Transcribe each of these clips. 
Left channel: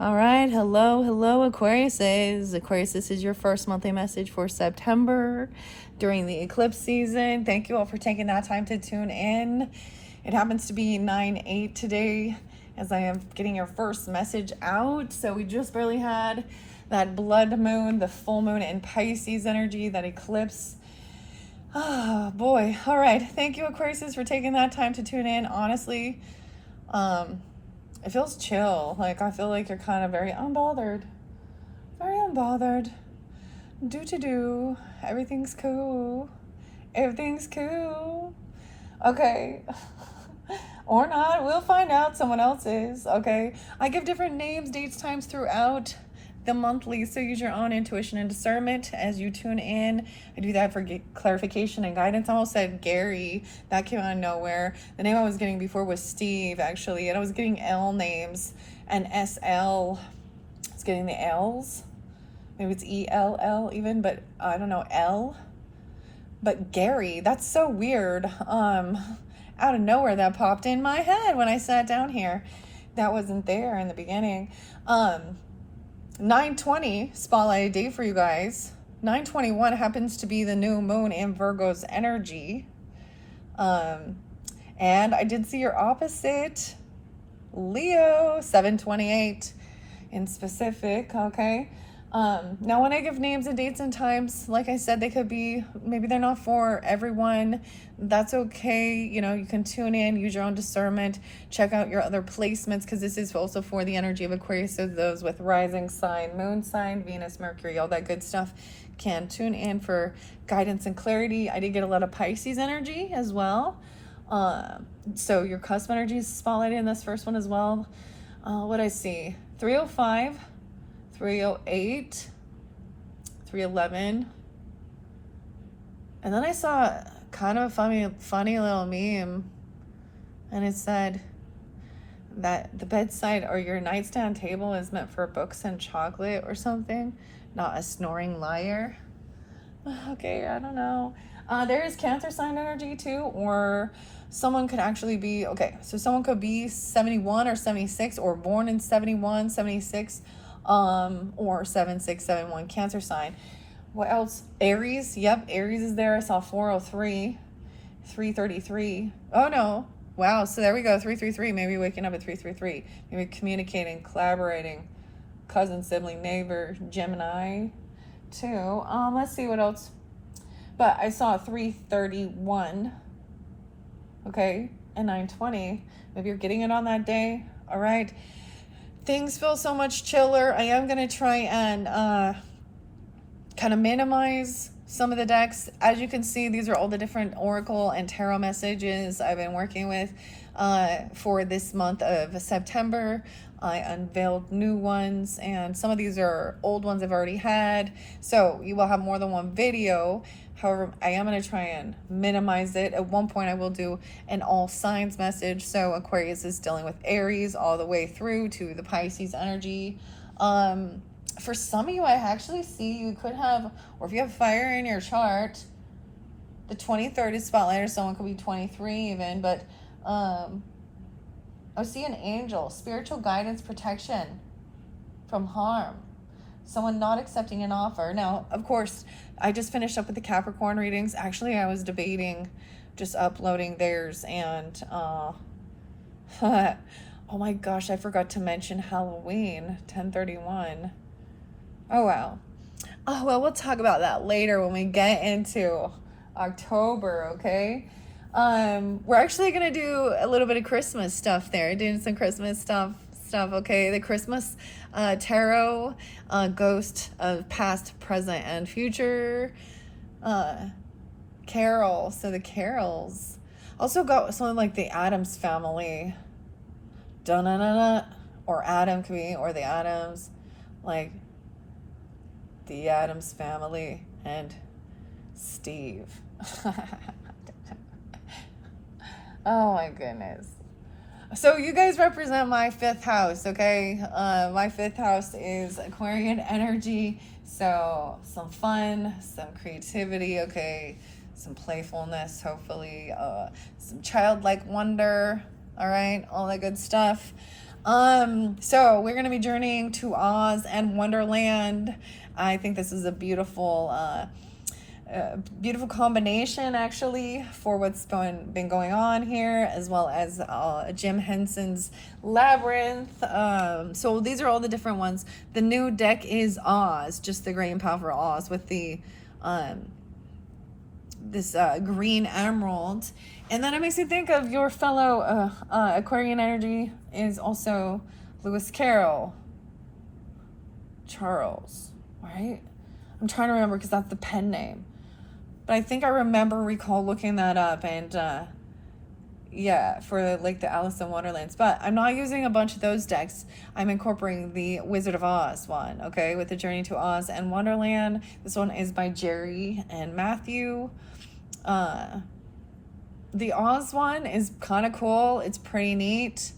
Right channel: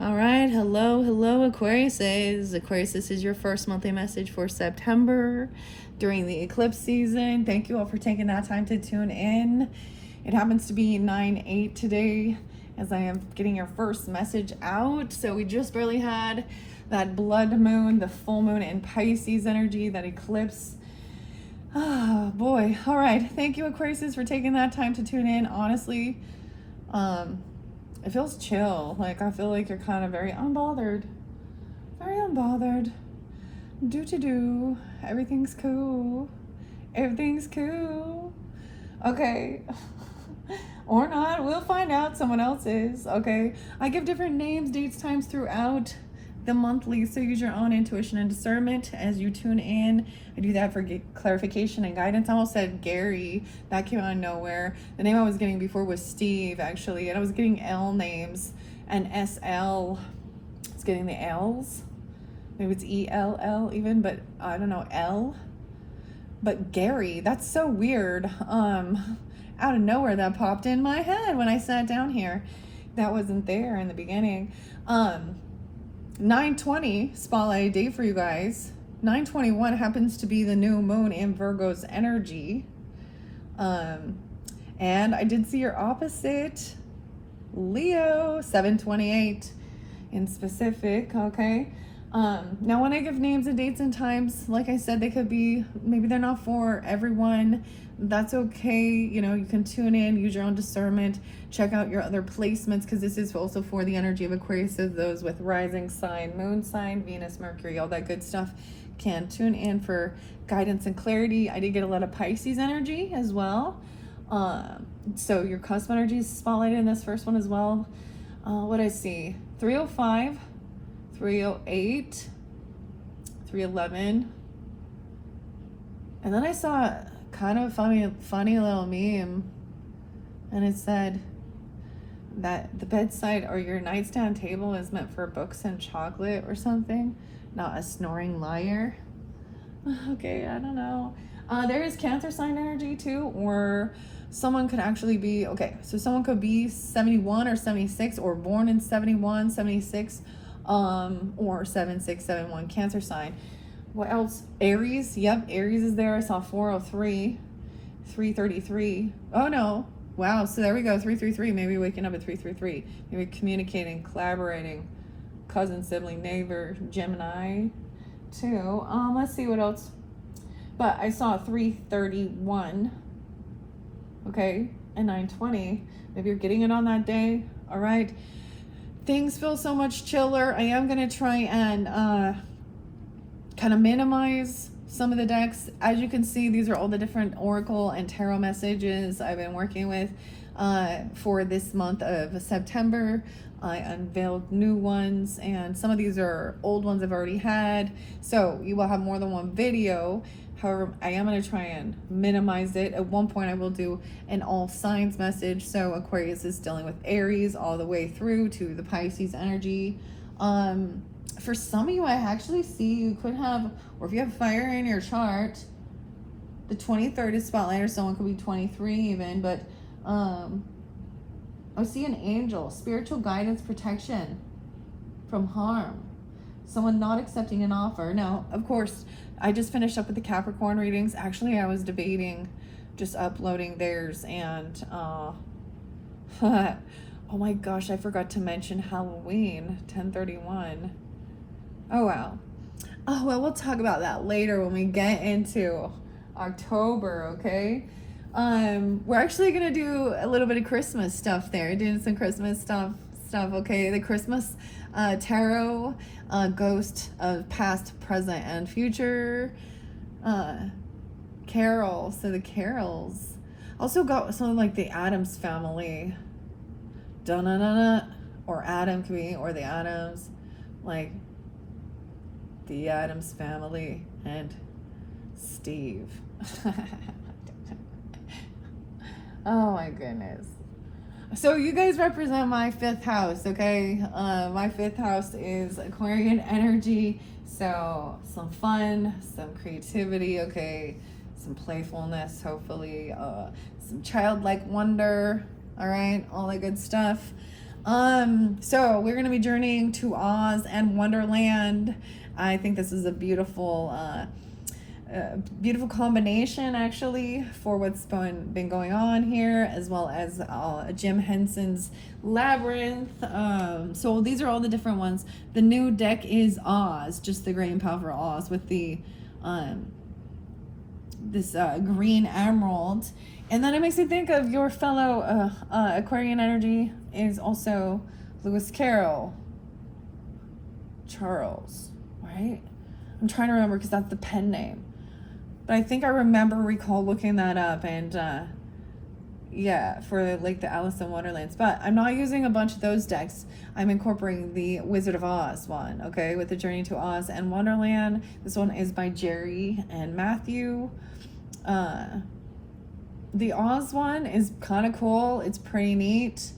All right, hello, Aquariuses. Aquarius, this is your first monthly message for September during the eclipse season. Thank you all for taking that time to tune in. It happens to be 9/8 today as I am getting your first message out. So we just barely had that blood moon, the full moon in Pisces energy, that eclipse. Oh boy. All right. Thank you, Aquariuses, for taking that time to tune in. Honestly, it feels chill. Like, I feel like you're kind of very unbothered. Very unbothered. Do. Everything's cool. Everything's cool. Okay. Or not. We'll find out. Someone else is. Okay. I give different names, dates, times throughout the monthly, so use your own intuition and discernment as you tune in. I do that for clarification and guidance. I almost said Gary. That came out of nowhere. The name I was getting before was Steve, actually, and I was getting L names and SL. I was getting the L's. Maybe it's ELL even, but I don't know, L. But Gary, that's so weird. Out of nowhere that popped in my head when I sat down here. That wasn't there in the beginning. 9/20 spotlight day for you guys. 9/21 happens to be the new moon in Virgo's energy. And I did see your opposite, Leo, 7/28 in specific, okay? Now when I give names and dates and times, like I said, they could be, maybe they're not for everyone. That's okay. You know, you can tune in, use your own discernment, check out your other placements, because this is also for the energy of Aquarius. So those with rising sign, moon sign, Venus, Mercury, all that good stuff can tune in for guidance and clarity. I did get a lot of Pisces energy as well. So your cusp energy is spotlighted in this first one as well. What I see? 305, 308, 311. And then I saw kind of a funny little meme, and it said that the bedside or your nightstand table is meant for books and chocolate or something, not a snoring liar. Okay, I don't know. There is Cancer sign energy too, or someone could actually be, okay, so someone could be 71 or 76 or born in 71, 76, or 7671 Cancer sign. What else? Aries. Yep, Aries is there. I saw 403, 333. Oh no. Wow. So there we go. 333. Maybe waking up at 333. Maybe communicating, collaborating. Cousin, sibling, neighbor, Gemini too. Let's see what else. But I saw 331. Okay. And 920. Maybe you're getting it on that day. All right. Things feel so much chiller. I am going to try and kind of minimize some of the decks. As you can see, these are all the different oracle and tarot messages I've been working with for this month of September. I unveiled new ones, and some of these are old ones I've already had, so you will have more than one video. However, I am going to try and minimize it. At one point I will do an all signs message, so Aquarius is dealing with Aries all the way through to the Pisces energy. For some of you, I actually see you could have, or if you have fire in your chart, the 23rd is spotlight, or someone could be 23 even, but I see an angel, spiritual guidance, protection from harm, someone not accepting an offer. Now, of course, I just finished up with the Capricorn readings. Actually, I was debating just uploading theirs, and oh my gosh, I forgot to mention Halloween, 10/31. Oh, wow. Oh, well, we'll talk about that later when we get into October, okay? We're actually going to do a little bit of Christmas stuff there, doing some Christmas stuff, okay? The Christmas tarot, ghost of past, present, and future, carol, so the carols. Also got something like the Addams family, da-na-na-na, or Adam could be, or the Addams, like the Addams family and Steve. Oh my goodness. So you guys represent my 5th house, okay? My 5th house is Aquarian energy, so some fun, some creativity, okay? Some playfulness, hopefully, some childlike wonder, all right? All that good stuff. So we're going to be journeying to Oz and Wonderland. I think this is a beautiful combination, actually, for what's been going on here, as well as Jim Henson's Labyrinth. So these are all the different ones. The new deck is Oz, just the great and powerful Oz, with the this green emerald. And then it makes me think of your fellow Aquarian energy is also Lewis Carroll Charles, right? I'm trying to remember because that's the pen name. But I think I recall looking that up, and yeah, for like the Alice in Wonderlands. But I'm not using a bunch of those decks. I'm incorporating the Wizard of Oz one, okay, with the Journey to Oz and Wonderland. This one is by Jerry and Matthew. The Oz one is kind of cool. It's pretty neat.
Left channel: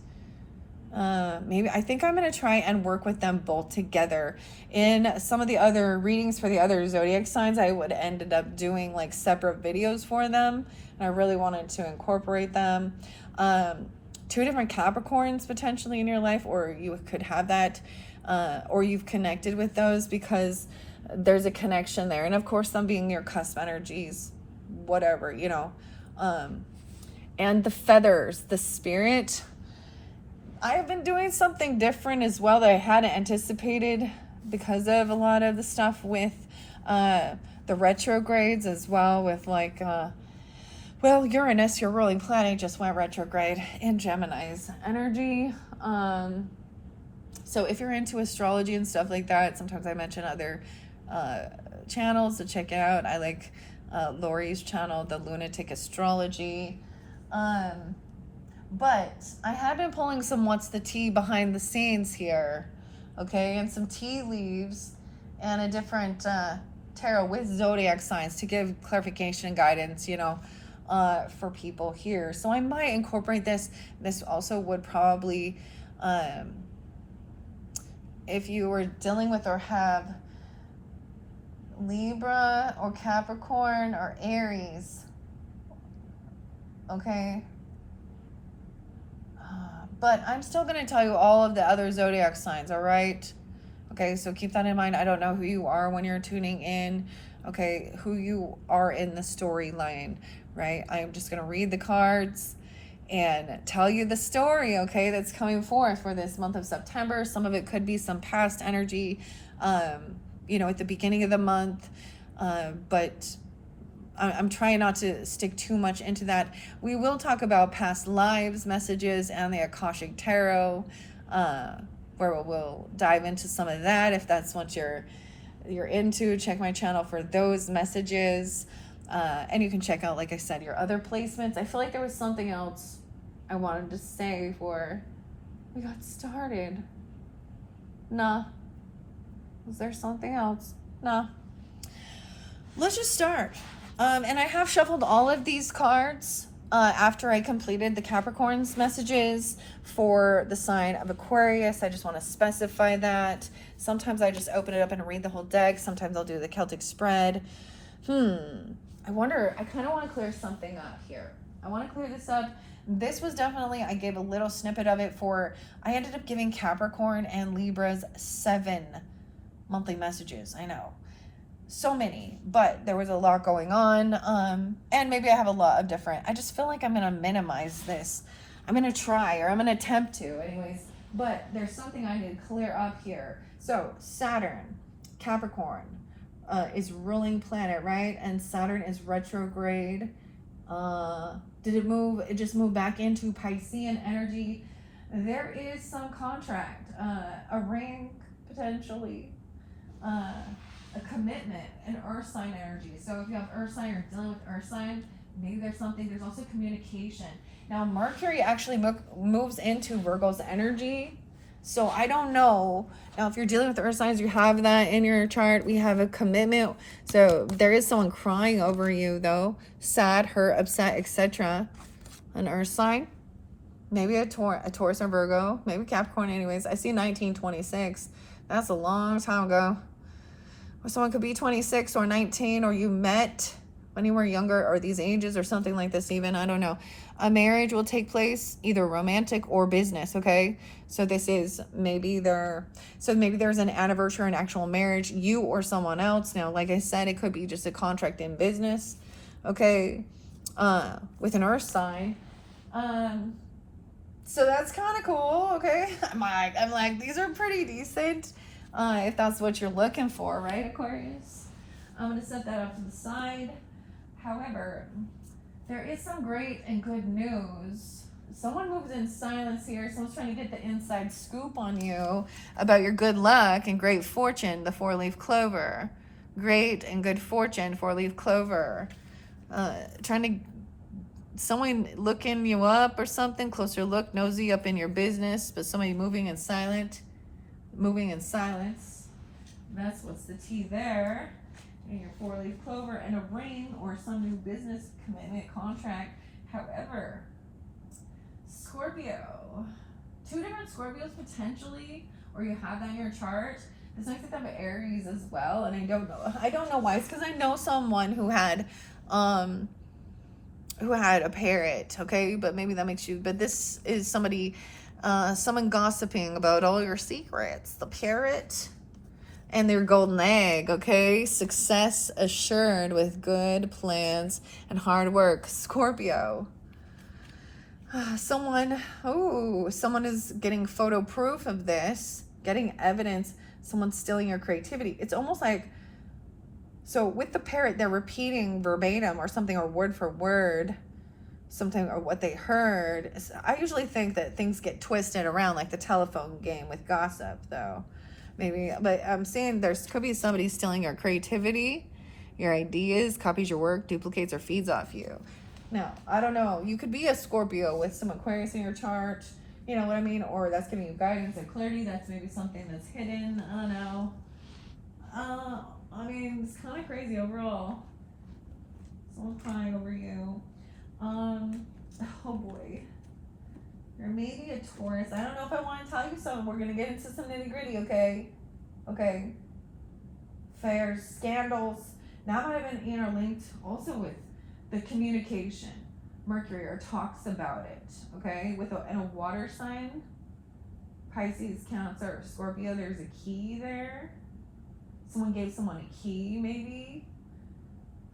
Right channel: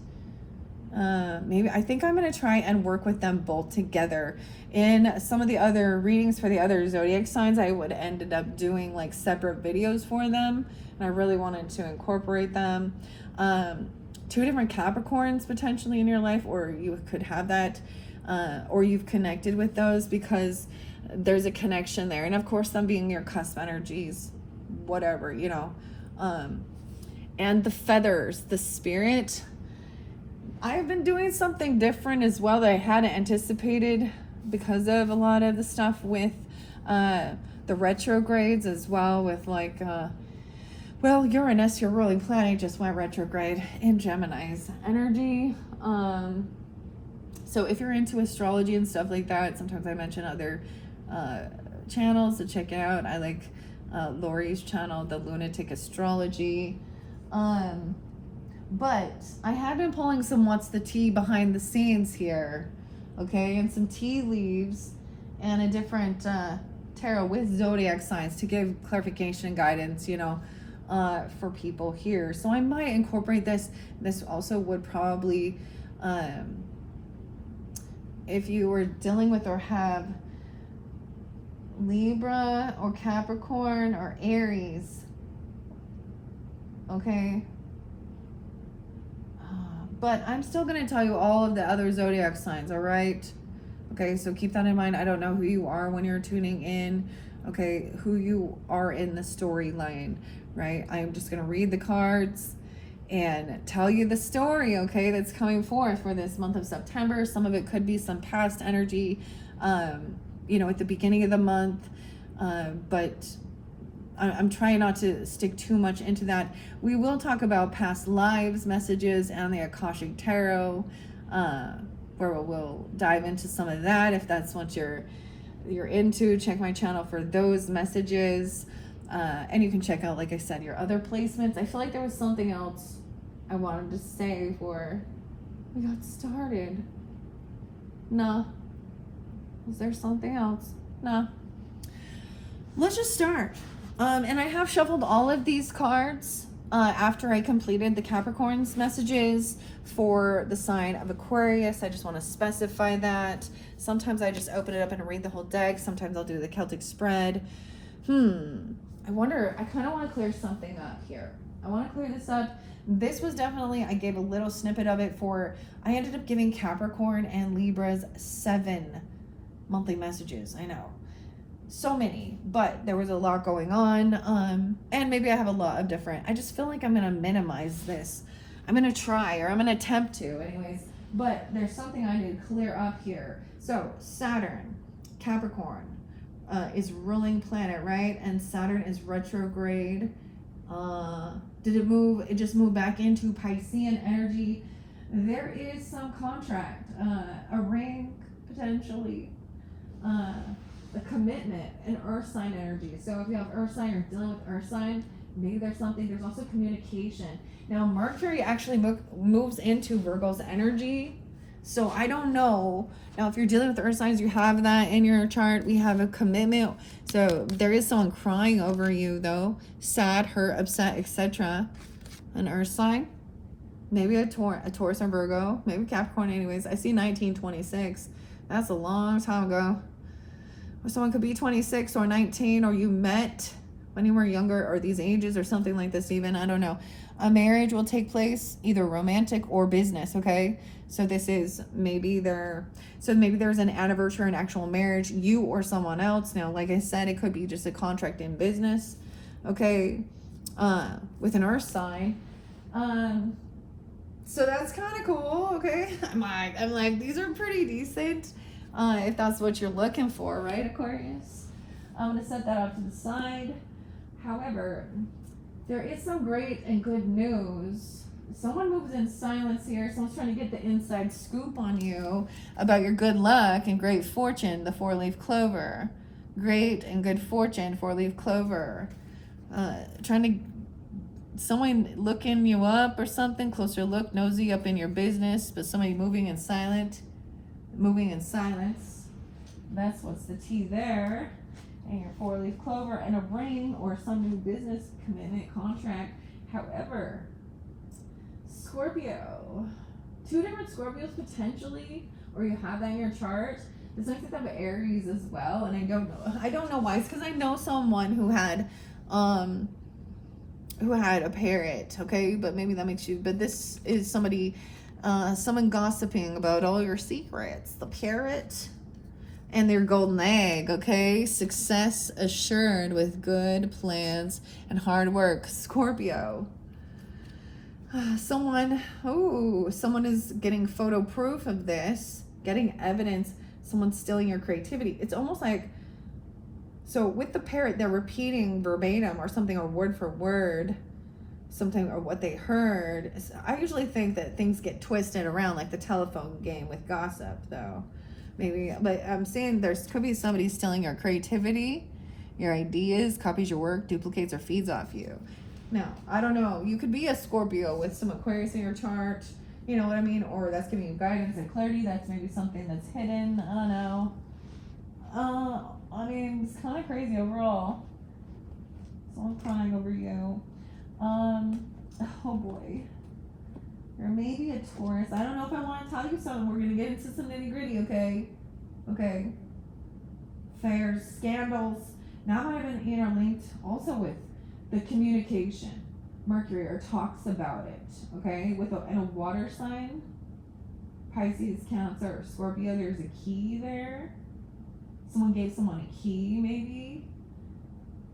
Maybe I think I'm going to try and work with them both together. In some of the other readings for the other zodiac signs, I would ended up doing like separate videos for them, and I really wanted to incorporate them. 2 different Capricorns potentially in your life, or you could have that, or you've connected with those because there's a connection there. And of course, them being your cusp energies, whatever, you know. And the feathers, the spirit. I've been doing something different as well that I hadn't anticipated because of a lot of the stuff with the retrogrades as well, with like, well, Uranus, your ruling planet, just went retrograde in Gemini's energy. So if you're into astrology and stuff like that, sometimes I mention other channels to check out. I like Lori's channel, The Lunatic Astrology. But I have been pulling some what's the tea behind the scenes here, okay, and some tea leaves and a different tarot with zodiac signs to give clarification guidance, you know, for people here. So I might incorporate this. This also would probably, if you were dealing with or have Libra or Capricorn or Aries, okay. But I'm still going to tell you all of the other zodiac signs, all right? Okay, so keep that in mind. I don't know who you are when you're tuning in, okay, who you are in the storyline, right? I'm just going to read the cards and tell you the story, okay, that's coming forth for this month of September. Some of it could be some past energy, you know, at the beginning of the month, but I'm trying not to stick too much into that. We will talk about past lives messages and the Akashic Tarot, where we'll dive into some of that if that's what you're into. Check my channel for those messages. And you can check out, like I said, your other placements. I feel like there was something else I wanted to say before we got started. Nah. Was there something else? Nah. Let's just start. And I have shuffled all of these cards after I completed the Capricorn's messages for the sign of Aquarius. I just want to specify that. Sometimes I just open it up and read the whole deck. Sometimes I'll do the Celtic spread. I wonder, I kind of want to clear something up here. I want to clear this up. This was definitely, I gave a little snippet of it I ended up giving Capricorn and Libra's 7 monthly messages. I know. So many, but there was a lot going on, and maybe I have a lot of different. I just feel like I'm gonna minimize this. I'm gonna try, or I'm gonna attempt to anyways, but there's something I need to clear up here. So Saturn, Capricorn, is ruling planet, right? And Saturn is retrograde. Did it move? It just moved back into Piscean energy. There is some contract, a ring potentially, a commitment, an earth sign energy. So if you have earth sign or dealing with earth sign, maybe there's something. There's also communication. Now Mercury actually moves into Virgo's energy. So I don't know. Now if you're dealing with earth signs, you have that in your chart. We have a commitment. So there is someone crying over you though. Sad, hurt, upset, etc. An earth sign. Maybe a Taurus or Virgo. Maybe Capricorn anyways. I see 1926. That's a long time ago. Or someone could be 26 or 19, or you met when you were younger, or these ages or something like this even. I don't know. A marriage will take place, either romantic or business, okay? So this is maybe maybe there's an anniversary, an actual marriage, you or someone else. Now, like I said, it could be just a contract in business, okay? With an earth sign. So that's kind of cool, okay? I'm like, these are pretty decent, if that's what you're looking for, right, Aquarius? I'm going to set that up to the side. However, there is some great and good news. Someone moves in silence here. Someone's trying to get the inside scoop on you about your good luck and great fortune, the 4-leaf clover. Great and good fortune, 4-leaf clover. Someone looking you up or something, closer look, nosy up in your business, but somebody moving in silence. That's what's the tea there. And your 4-leaf clover and a ring or some new business commitment contract. However, Scorpio, 2 different Scorpios potentially, or you have that in your chart. This makes it have Aries as well, and I don't know why. It's because I know someone who had a parrot, okay? But maybe that makes you, but this is somebody, someone gossiping about all your secrets. The parrot and their golden egg, okay? Success assured with good plans and hard work. Scorpio. Someone is getting photo proof of this, getting evidence someone's stealing your creativity. It's almost like, so with the parrot, they're repeating verbatim or something, or word for word, something, or what they heard. I usually think that things get twisted around, like the telephone game with gossip, though. Maybe, but I'm saying could be somebody stealing your creativity, your ideas, copies your work, duplicates or feeds off you. Now, I don't know. You could be a Scorpio with some Aquarius in your chart, you know what I mean? Or that's giving you guidance and clarity. That's maybe something that's hidden. I don't know. I mean, it's kind of crazy overall. Someone crying over you. Oh boy. There may be a Taurus. I don't know if I want to tell you something. We're going to get into some nitty gritty, okay? Okay. Affairs, scandals. Now that I've been interlinked also with the communication. Mercury, or talks about it, okay? In a water sign. Pisces, Cancer, Scorpio, there's a key there. Someone gave someone a key, maybe.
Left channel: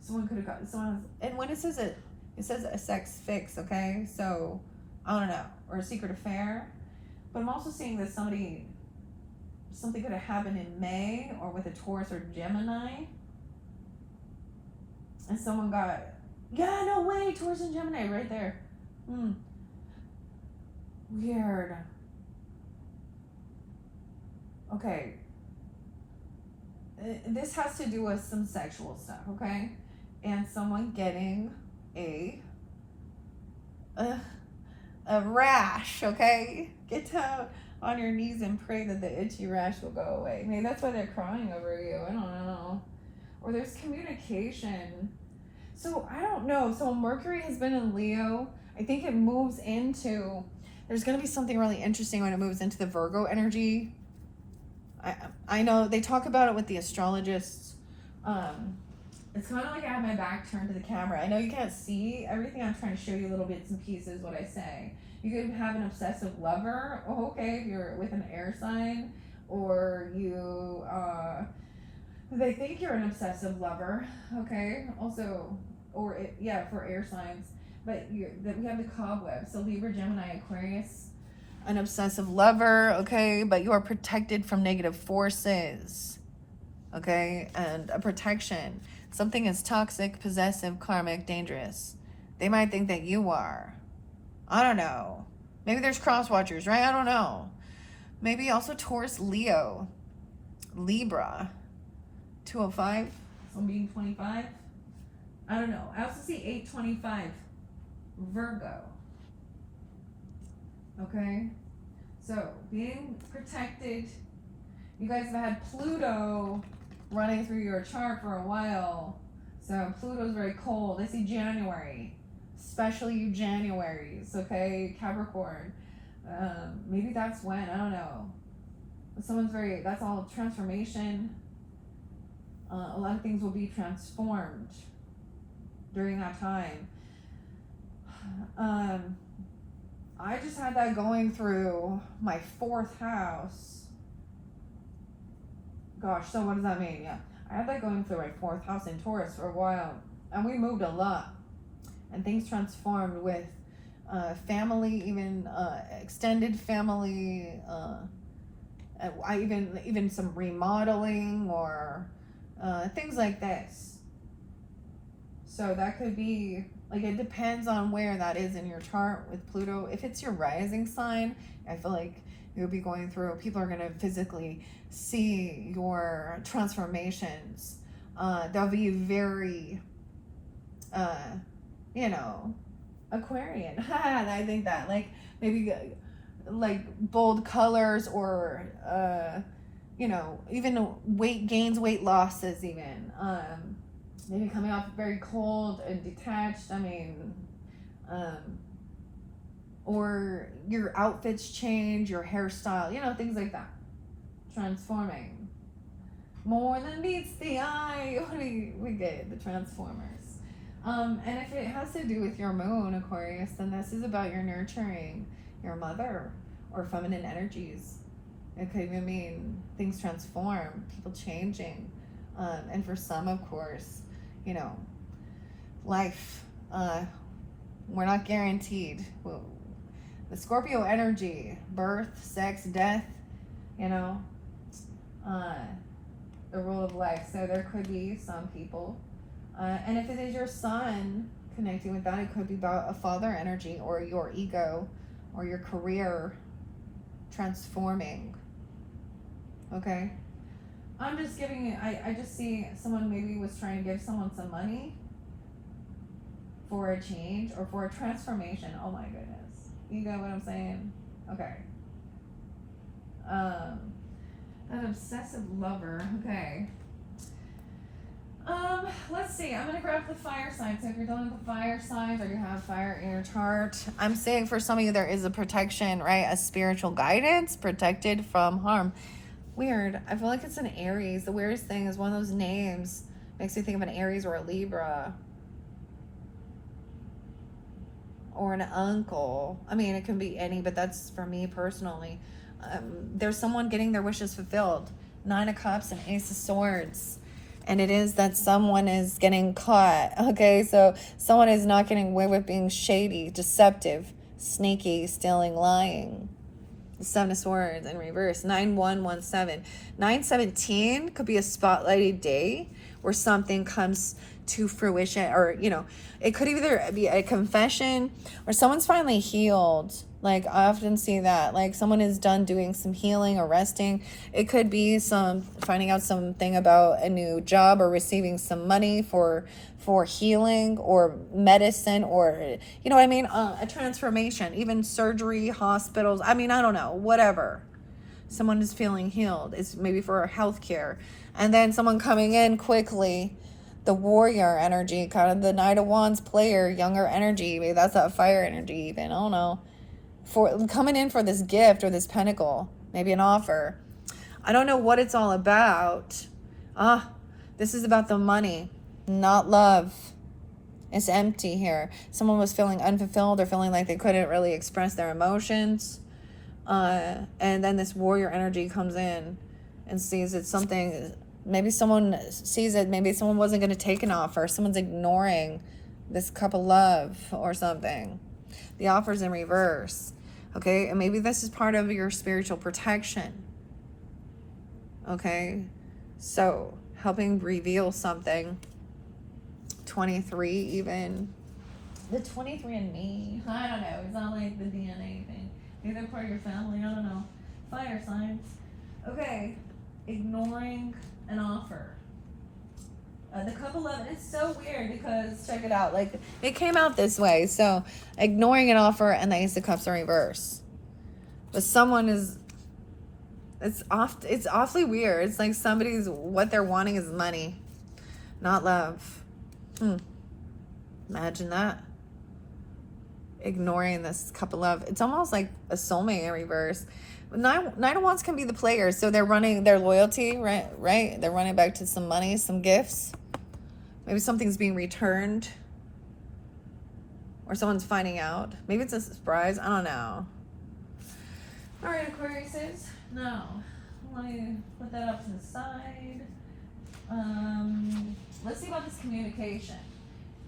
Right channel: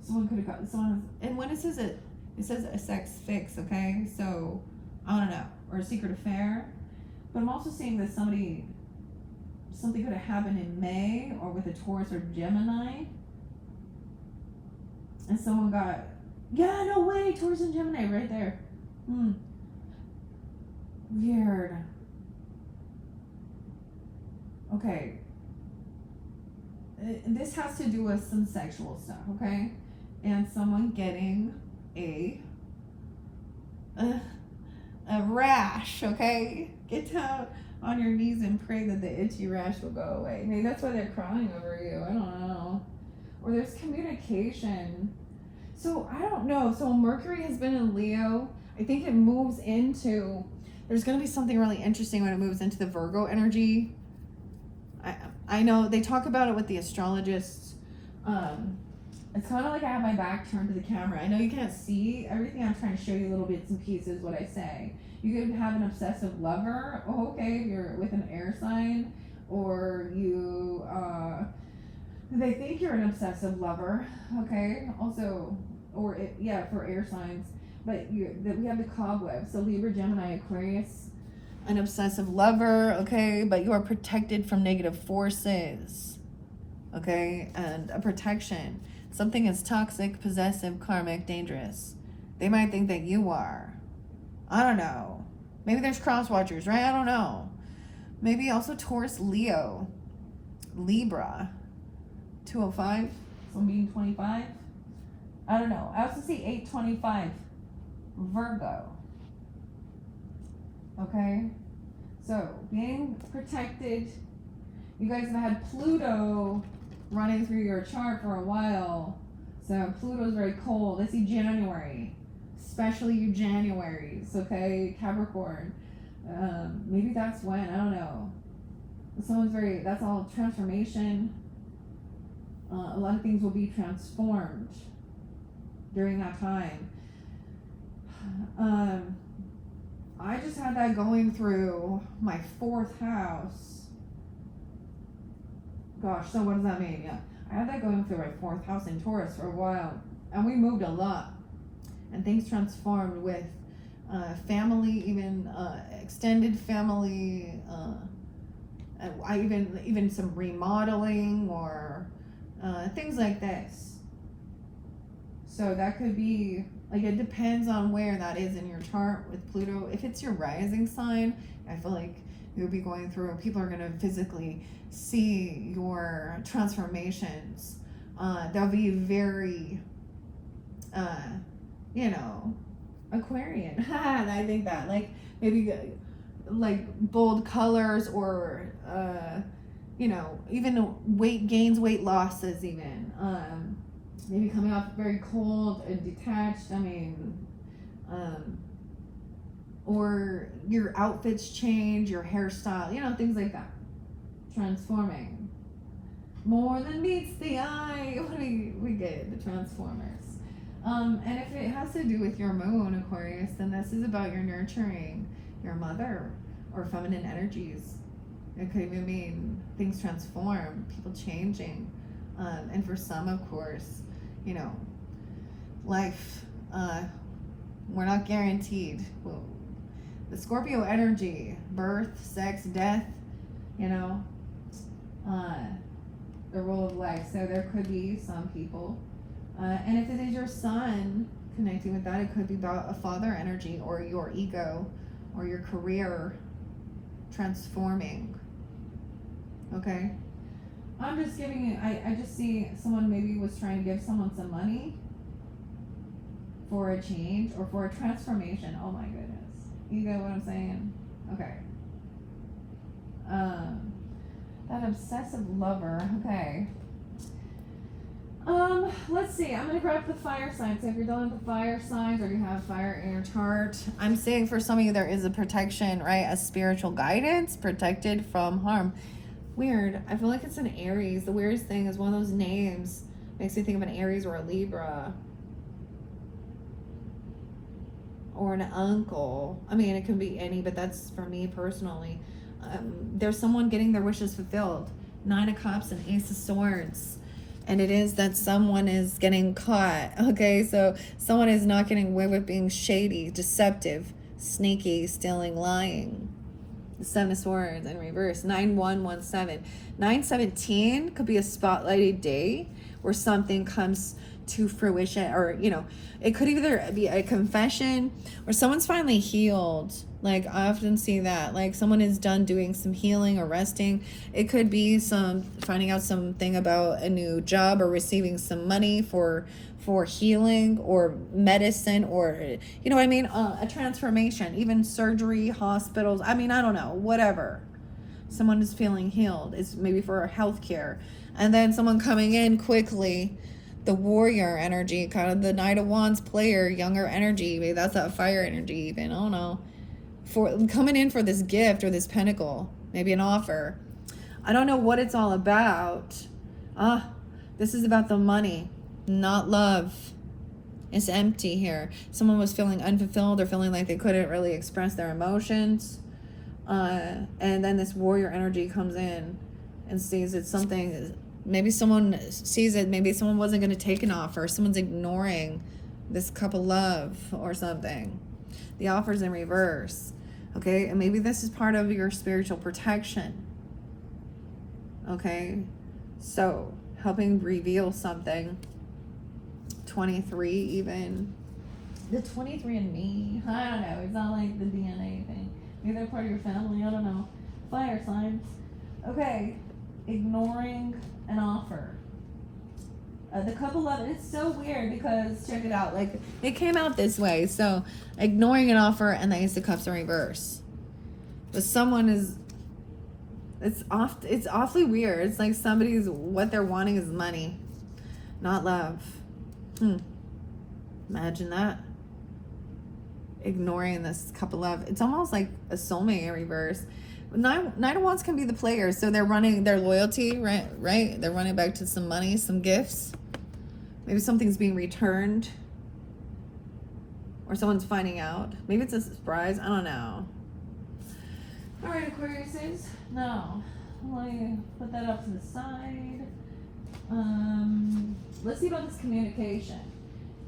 Someone could have got someone. And when it says a sex fix, okay? So, I don't know. Or a secret affair. But I'm also seeing that something could have happened in May, or with a Taurus or Gemini. And someone got, yeah, no way, Taurus and Gemini right there. Weird. Okay. This has to do with some sexual stuff, okay? And someone getting a rash, okay? Get down on your knees and pray that the itchy rash will go away. Maybe that's why they're crying over you. I don't know. Or there's communication. So I don't know. So Mercury has been in Leo. I think it moves into, there's going to be something really interesting when it moves into the Virgo energy. I know they talk about it with the astrologists. It's kind of like I have my back turned to the camera. I know you can't see everything. I'm trying to show you little bits and pieces what I say. You could have an obsessive lover. Oh, okay, if you're with an air sign, or you, they think you're an obsessive lover. Okay, also, for air signs. But we have the cobweb. So Libra, Gemini, Aquarius, an obsessive lover. Okay, but you are protected from negative forces. Okay, and a protection. Something is toxic, possessive, karmic, dangerous. They might think that you are. I don't know. Maybe there's cross watchers, right? I don't know. Maybe also Taurus, Leo, Libra, 205, someone being 25. I don't know. I also see 825, Virgo. Okay? So, being protected. You guys have had Pluto running through your chart for a while. So Pluto's very cold. I see January, especially you Januaries, okay? Capricorn. Maybe that's when, I don't know. That's all transformation. A lot of things will be transformed during that time. I just had that going through my 4th house. Gosh, so what does that mean? Yeah, I had that going through my 4th house in Taurus for a while, and we moved a lot, and things transformed with family, even extended family. I even some remodeling or things like this. So that could be like, it depends on where that is in your chart with Pluto. If it's your rising sign, I feel like you'll be going through. People are going to physically see your transformations. They'll be very, Aquarian. I think that, like, maybe like bold colors or even weight gains, weight losses, even maybe coming off very cold and detached. Or your outfits change, your hairstyle, things like that. Transforming more than meets the eye. We get the Transformers. And if it has to do with your moon, Aquarius, then this is about your nurturing your mother or feminine energies. It could even mean things transform, people changing. And for some, of course, life, we're not guaranteed. The Scorpio energy, birth, sex, death, the rule of life. So there could be some people. And if it is your sun connecting with that, it could be about a father energy or your ego or your career transforming. Okay? I'm just giving it, I just see someone maybe was trying to give someone some money for a change or for a transformation. Oh my goodness. You get what I'm saying? Okay. That obsessive lover. Okay. Let's see. I'm going to grab the fire signs. So if you're dealing with the fire signs or you have fire in your chart, I'm saying for some of you there is a protection, right? A spiritual guidance, protected from harm. Weird. I feel like it's an Aries. The weirdest thing is one of those names makes me think of an Aries or a Libra. Or an uncle. I mean, it can be any, but that's for me personally. There's someone getting their wishes fulfilled. 9 of Cups and Ace of Swords. And it is that someone is getting caught. Okay, so someone is not getting away with being shady, deceptive, sneaky, stealing, lying. The 7 of Swords in reverse. 9117. 917 could be a spotlighted day where something comes to fruition, or it could either be a confession or someone's finally healed. Like, I often see that, like, someone is done doing some healing or resting. It could be some finding out something about a new job or receiving some money for healing or medicine, or a transformation, even surgery, hospitals. I don't know, whatever. Someone is feeling healed. It's maybe for healthcare, and then someone coming in quickly. The warrior energy, kind of the Knight of Wands player, younger energy. Maybe that's that fire energy even. I don't know. For coming in for this gift or this pentacle, maybe an offer. I don't know what it's all about. This is about the money, not love. It's empty here. Someone was feeling unfulfilled or feeling like they couldn't really express their emotions. And then this warrior energy comes in and sees it's something. Maybe someone sees it. Maybe someone wasn't going to take an offer. Someone's ignoring this cup of love or something. The offer's in reverse. Okay, and maybe this is part of your spiritual protection. Okay, so helping reveal something. 23 even. The 23 and me. I don't know. It's not like the DNA thing. Maybe they're part of your family. I don't know. Fire signs. Okay, ignoring an offer. The cup of love, it's so weird because check it out, like it came out this way. So ignoring an offer and the Ace of Cups in reverse. But someone is, it's awfully weird. It's like somebody's, what they're wanting is money, not love. Imagine that. Ignoring this cup of love. It's almost like a soulmate in reverse. Nine of Wands can be the players, so they're running their loyalty, right? They're running back to some money, some gifts. Maybe something's being returned. or someone's finding out. Maybe it's a surprise. I don't know. All right, Aquariuses. Now, let me put that up to the side. Let's see about this communication.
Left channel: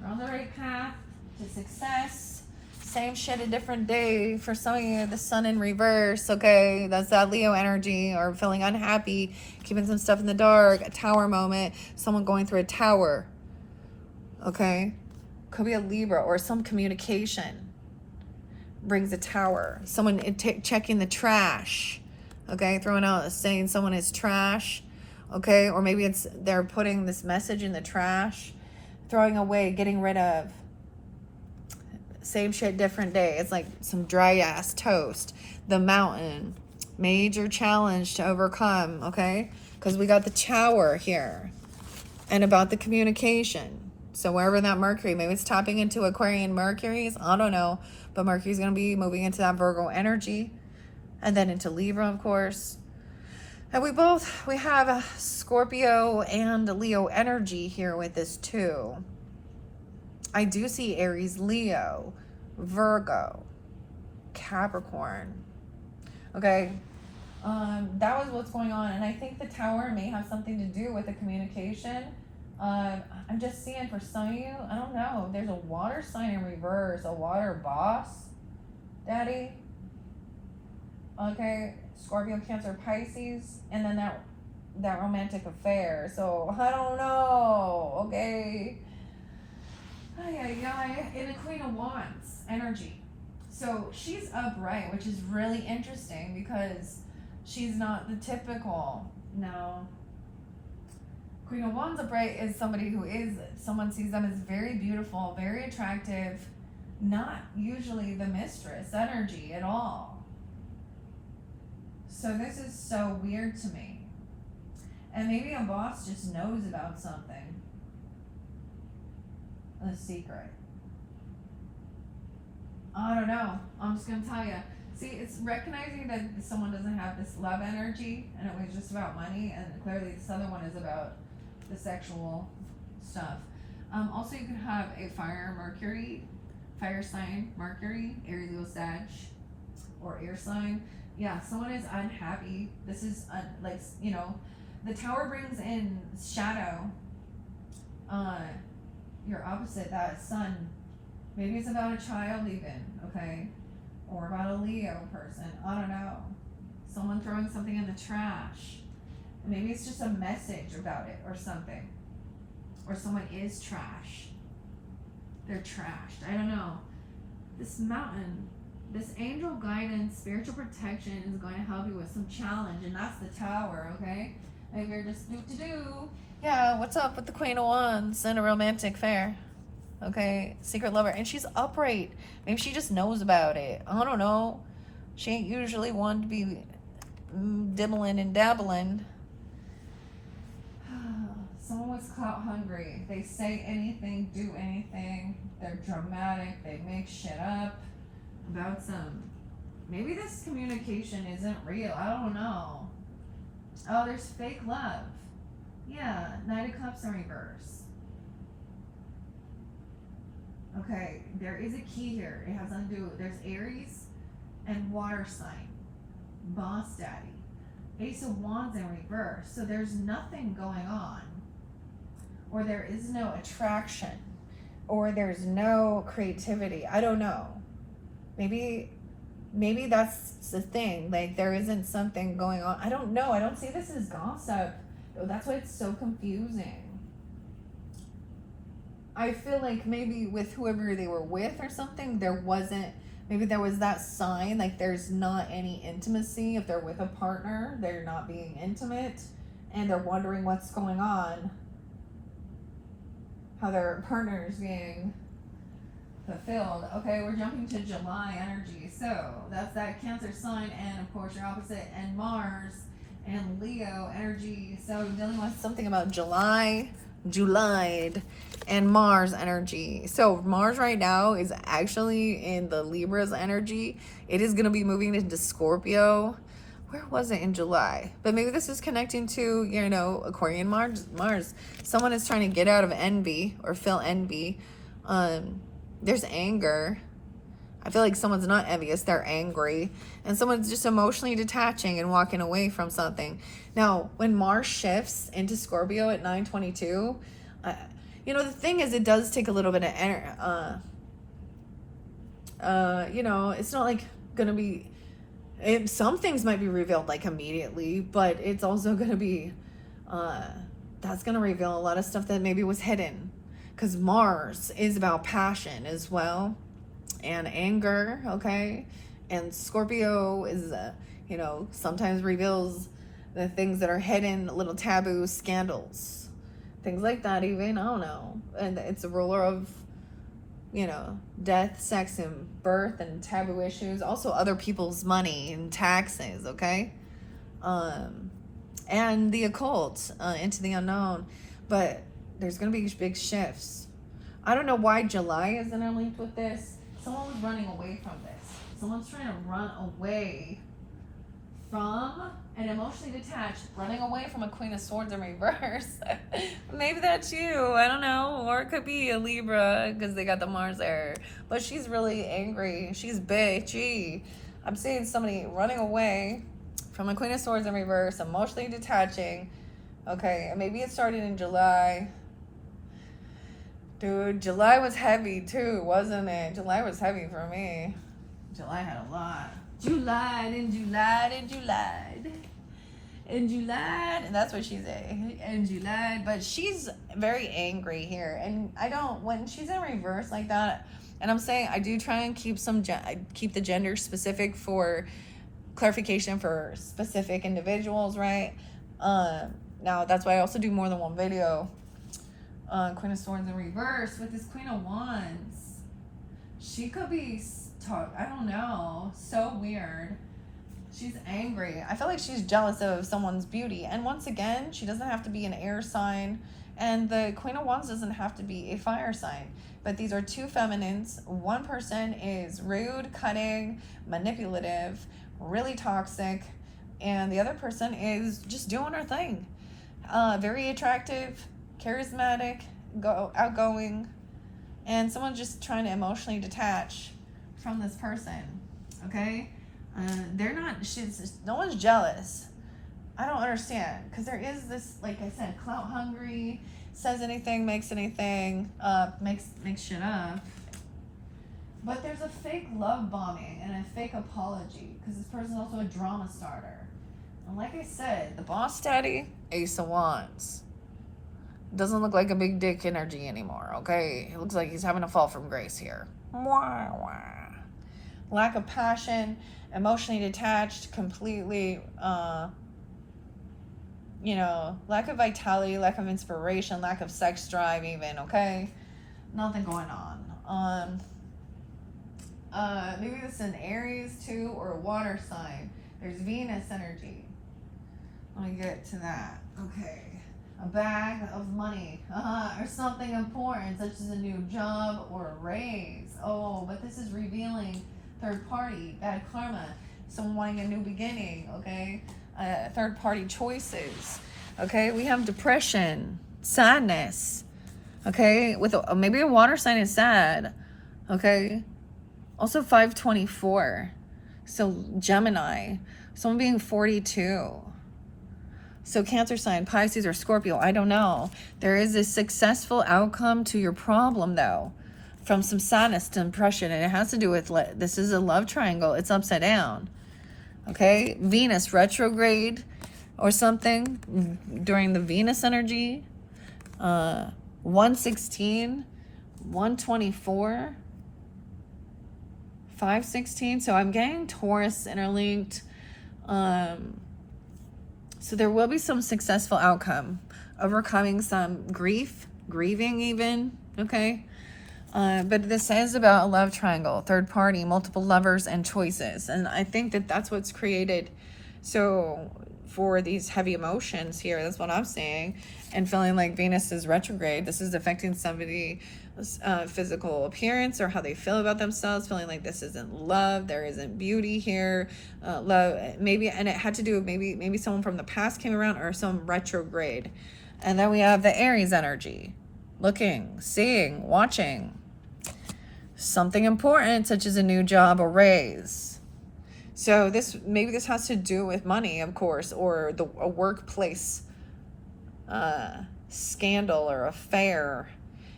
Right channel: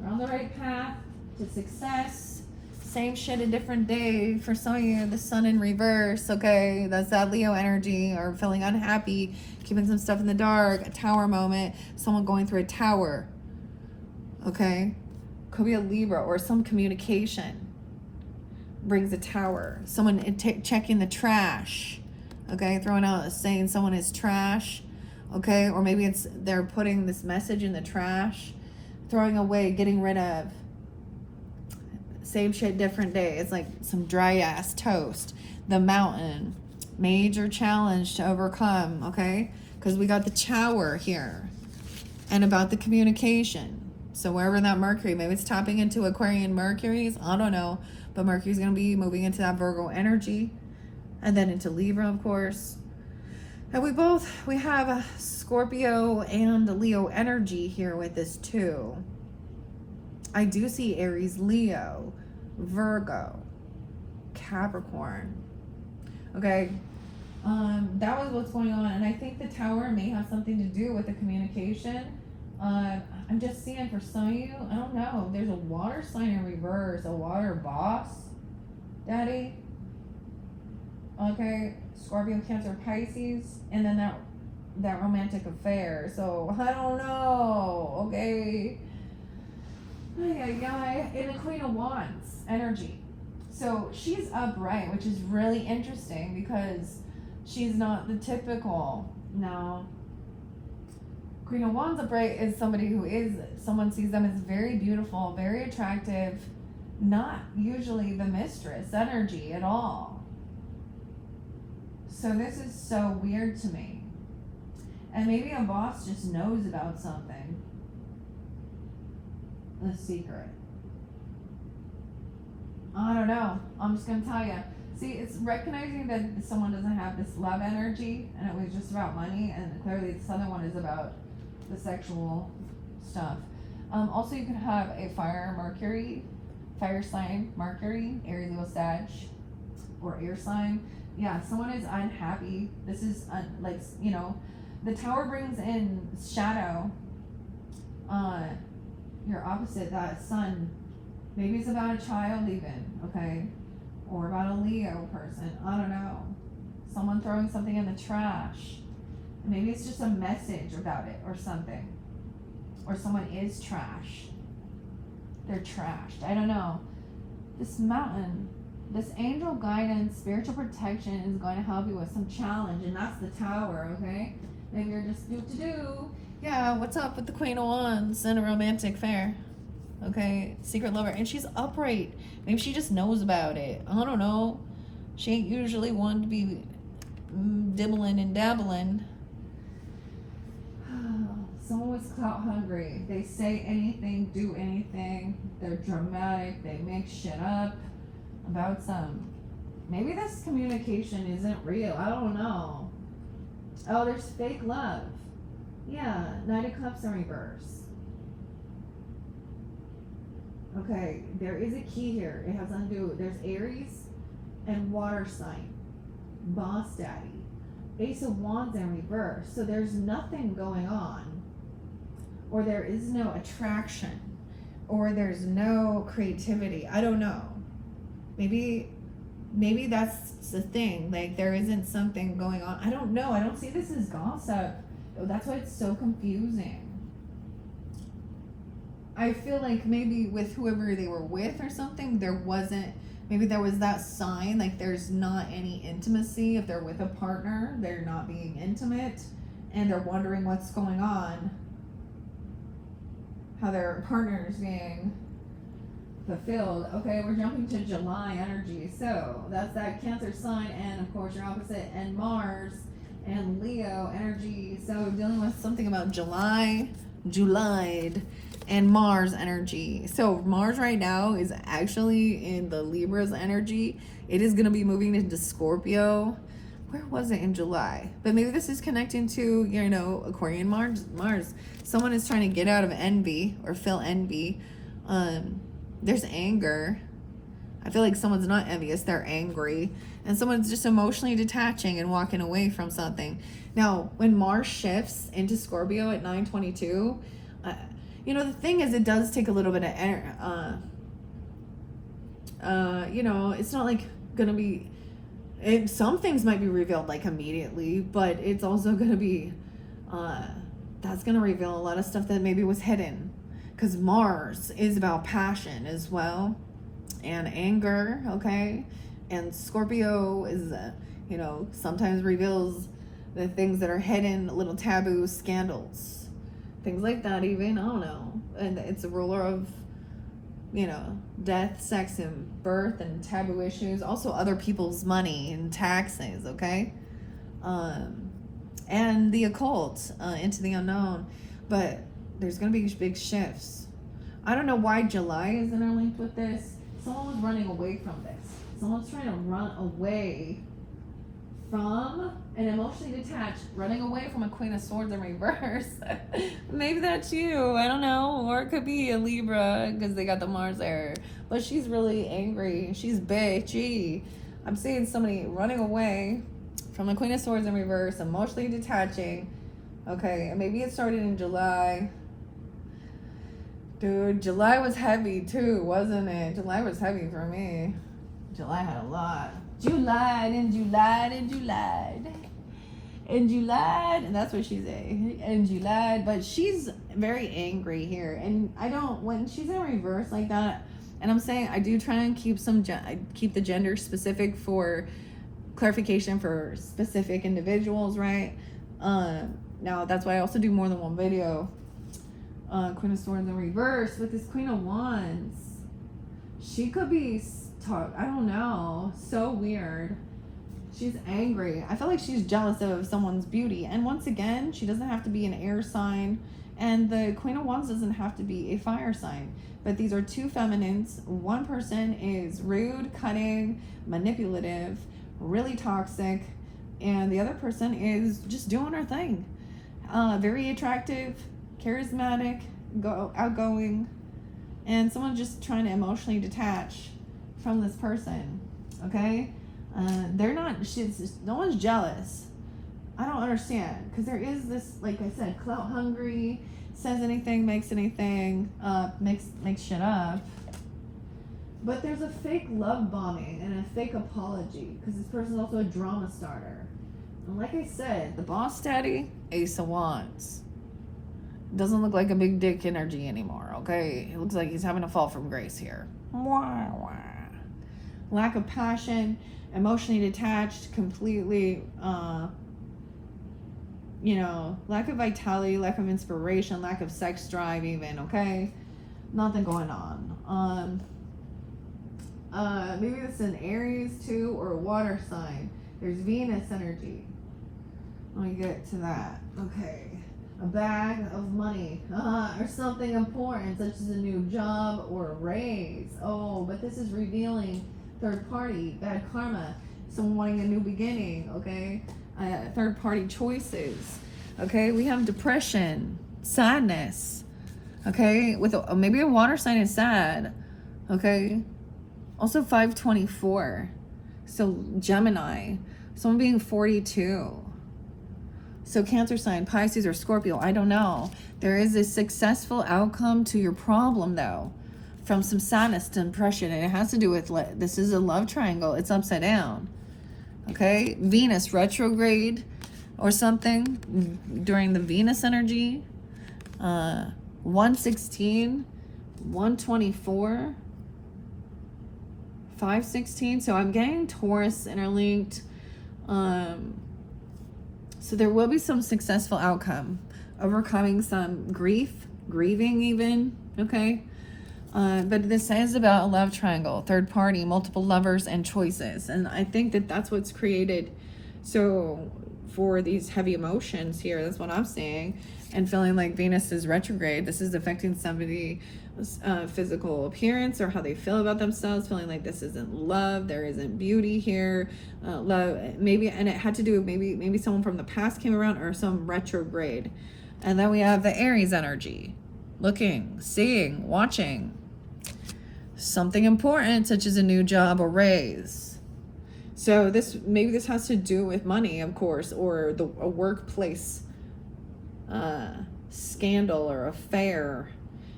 You're on the right path to success. Same shit, a different day. For some of you, the sun in reverse, okay? That's that Leo energy, or feeling unhappy, keeping some stuff in the dark, a tower moment, someone going through a tower, okay? Could be a Libra, or some communication brings a tower. Someone checking the trash, okay? Throwing out, saying someone is trash, okay? Or maybe it's they're putting this message in the trash, throwing away, getting rid of. Same shit, different day. It's like some dry ass toast. The mountain, major challenge to overcome, okay? Because we got the tower here, and about the communication. So wherever that Mercury, maybe it's tapping into Aquarian Mercury's, I don't know, but Mercury's going to be moving into that Virgo energy, and then into Libra, of course. And we have a Scorpio and Leo energy here with this too. I do see Aries, Leo, Virgo, Capricorn. Okay, that was what's going on, and I think the tower may have something to do with the communication. I'm just seeing for some of you, I don't know, there's a water sign in reverse, a water boss, daddy. Okay, Scorpio, Cancer, Pisces, and then that romantic affair. So I don't know. Okay. In the Queen of Wands energy. So she's upright, which is really interesting because she's not the typical. No. Queen of Wands upright is somebody who is, someone sees them as very beautiful, very attractive, not usually the mistress energy at all. So this is so weird to me. And maybe a boss just knows about something. A secret. I don't know. I'm just going to tell you. See, it's recognizing that someone doesn't have this love energy and it was just about money, and clearly this other one is about the sexual stuff. Also, you could have a fire sign, Mercury, Aries, Leo, Sag, or air sign. Yeah, someone is unhappy. This is like, you know, the tower brings in shadow. Your opposite, that sun. Maybe it's about a child even, okay? Or about a Leo person. I don't know. Someone throwing something in the trash. Maybe it's just a message about it or something. Or someone is trash. They're trashed. I don't know. This mountain, this angel guidance, spiritual protection is going to help you with some challenge, and that's the tower, okay? Maybe you're just do-to-do. Yeah, what's up with the Queen of Wands and a romantic affair? Okay, secret lover, and she's upright. Maybe she just knows about it. I don't know. She ain't usually one to be dibbling and dabbling. Someone was clout hungry. They say anything, do anything. They're dramatic. They make shit up about some. Maybe this communication isn't real. I don't know. Oh, there's fake love. Yeah, Knight of Cups in reverse. Okay, there is a key here. It has something to do. There's Aries and water sign. Boss daddy. Ace of Wands in reverse. So there's nothing going on. Or there is no attraction. Or there's no creativity. I don't know. Maybe that's the thing. Like, there isn't something going on. I don't know. I don't see this as gossip. That's why it's so confusing. I feel like maybe with whoever they were with or something, maybe there was that sign, like there's not any intimacy. If they're with a partner, they're not being intimate, and they're wondering what's going on, how their partner is being fulfilled. Okay, we're jumping to July energy. So that's that Cancer sign, and of course your opposite, and Mars and Leo energy. So dealing with something about July, and Mars energy. So Mars right now is actually in the Libra's energy. It is going to be moving into Scorpio. Where was it in July? But maybe this is connecting to, you know, Aquarian Mars. Someone is trying to get out of envy or feel envy. There's anger. I feel like someone's not envious, they're angry. And someone's just emotionally detaching and walking away from something. Now, when Mars shifts into Scorpio at 9:22, you know, the thing is, it does take a little bit of you know, it's not like gonna be, some things might be revealed like immediately, but it's also gonna be, that's gonna reveal a lot of stuff that maybe was hidden. Because Mars is about passion as well, and anger, okay? And Scorpio is, you know, sometimes reveals the things that are hidden, little taboo scandals, things like that even, I don't know. And it's a ruler of, you know, death, sex, and birth, and taboo issues. Also other people's money and taxes, okay? And the occult, into the unknown. But there's going to be big shifts. I don't know why July is interlinked with this. Someone was running away from this. Someone's trying to run away from an emotionally detached, running away from a Queen of Swords in reverse. Maybe that's you. I don't know. Or it could be a Libra because they got the Mars there. But she's really angry. She's bitchy. I'm seeing somebody running away from a Queen of Swords in reverse, emotionally detaching. Okay, and maybe it started in July. Dude, July was heavy too, wasn't it? July was heavy for me. July had a lot. July, and that's what she's in July. But she's very angry here, and I don't, when she's in reverse like that, and I'm saying I do try and keep keep the gender specific for clarification for specific individuals, right? Now that's why I also do more than one video. Queen of Swords in reverse with this Queen of Wands. She could be I don't know, so weird. She's angry. I feel like she's jealous of someone's beauty. And once again, she doesn't have to be an air sign. And the Queen of Wands doesn't have to be a fire sign. But these are two feminines. One person is rude, cutting, manipulative, really toxic. And the other person is just doing her thing. Very attractive, charismatic, outgoing. And someone's just trying to emotionally detach from this person, okay? They're not, no one's jealous. I don't understand, because there is this, like I said, clout hungry, says anything, makes anything, makes shit up. But there's a fake love bombing and a fake apology, because this person's also a drama starter. And like I said, the boss daddy, Ace of Wands. Doesn't look like a big dick energy anymore, okay? It looks like he's having a fall from grace here. Wah, wah. Lack of passion, emotionally detached, completely, you know, lack of vitality, lack of inspiration, lack of sex drive even, okay? Nothing going on. Maybe it's an Aries too, or a water sign. There's Venus energy. Let me get to that. Okay. A bag of money, or something important, such as a new job or a raise. Oh, but this is revealing third party, bad karma, someone wanting a new beginning, okay? Third party choices, okay? We have depression, sadness, okay? With maybe a water sign is sad, okay? Also 524, so Gemini, someone being 42. So Cancer sign, Pisces, or Scorpio, I don't know. There is a successful outcome to your problem, though, from some sadness to depression, and it has to do with, this is a love triangle. It's upside down, okay? Venus retrograde or something during the Venus energy. 116, 124, 516. So I'm getting Taurus interlinked. So there will be some successful outcome, overcoming some grieving even, okay? But this is about a love triangle, third party, multiple lovers, and choices. And I think that that's what's created. So for these heavy emotions here, that's what I'm saying. And feeling like Venus is retrograde, this is affecting somebody's physical appearance or how they feel about themselves, feeling like this isn't love, there isn't beauty here, love, maybe, and it had to do with maybe someone from the past came around or some retrograde. And then we have the Aries energy, looking, seeing, watching. something important, such as a new job or raise. So maybe this has to do with money, of course, or a workplace scandal or affair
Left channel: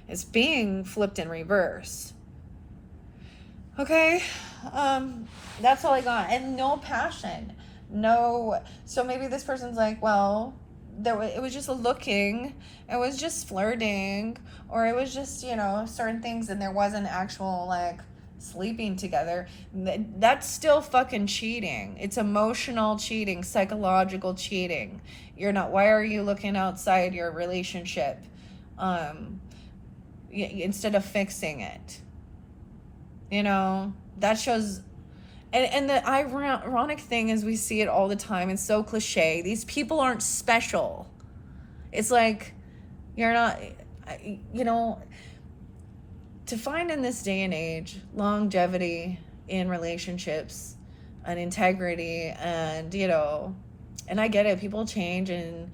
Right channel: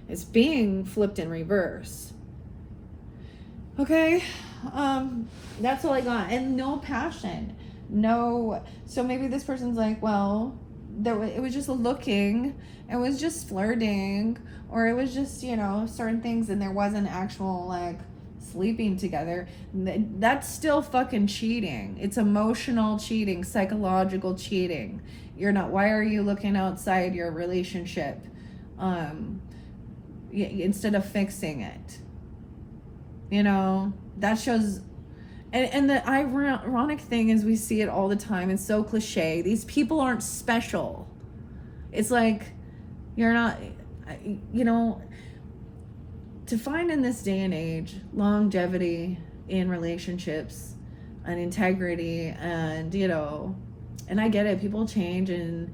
is being flipped in reverse. Okay, that's all I got. And no passion, no. So maybe this person's like, well, it was just looking, it was just flirting, or it was just, you know, certain things, and there wasn't actual like sleeping together. That's still fucking cheating. It's emotional cheating, psychological cheating. You're not. Why are you looking outside your relationship, instead of fixing it? You know, that shows. And the ironic thing is, we see it all the time. It's so cliche. These people aren't special. It's like, you're not, you know, to find in this day and age longevity in relationships and integrity, and, you know, and I get it. People change, and,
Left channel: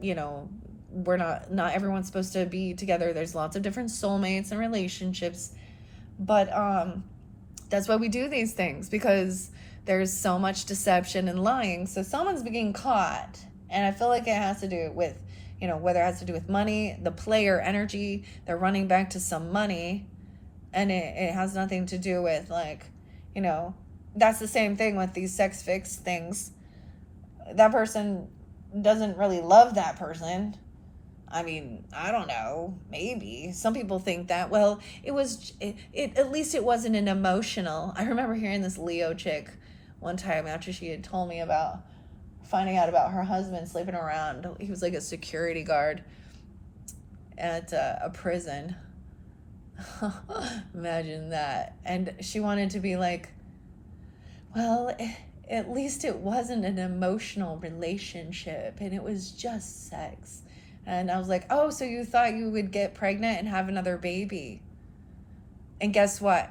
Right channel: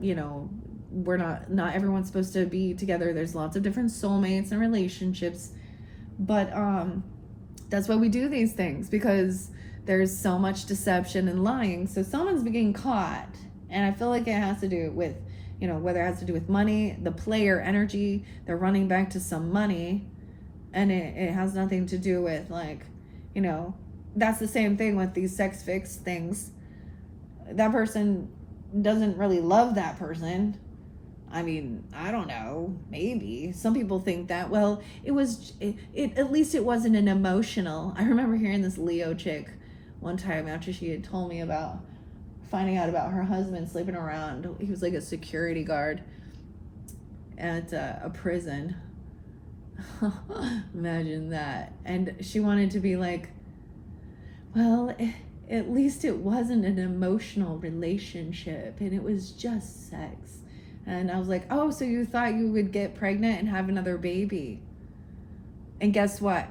you know, we're not everyone's supposed to be together. There's lots of different soulmates and relationships. But that's why we do these things, because there's so much deception and lying. So someone's being caught. And I feel like it has to do with, you know, whether it has to do with money, the player energy, they're running back to some money. And it has nothing to do with, like, you know, that's the same thing with these sex fix things. That person doesn't really love that person. I mean, I don't know, maybe. Some people think that. Well, it at least it wasn't an emotional. I remember hearing this Leo chick one time after she had told me about finding out about her husband sleeping around. He was like a security guard at a prison. Imagine that. And she wanted to be like, well, at least it wasn't an emotional relationship, and it was just sex. And I was like, oh, so you thought you would get pregnant and have another baby. And guess what?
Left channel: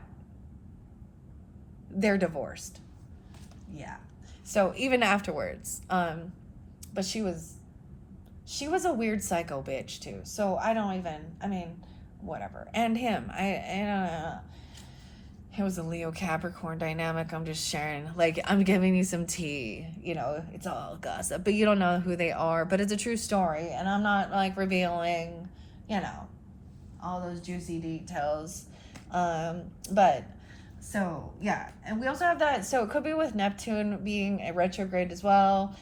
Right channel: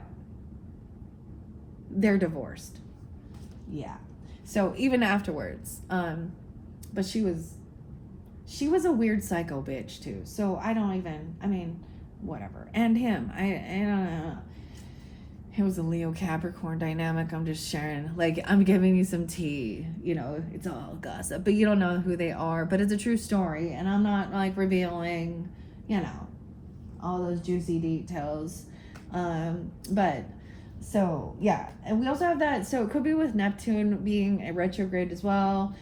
They're divorced. Yeah. So even afterwards, but she was a weird psycho bitch too. So I mean, whatever. And him, it was a Leo Capricorn dynamic. I'm just sharing, like, I'm giving you some tea, you know, it's all gossip, but you don't know who they are, but it's a true story. And I'm not like revealing, you know, all those juicy details. But so yeah. And we also have that. So it could be with Neptune being a retrograde as well.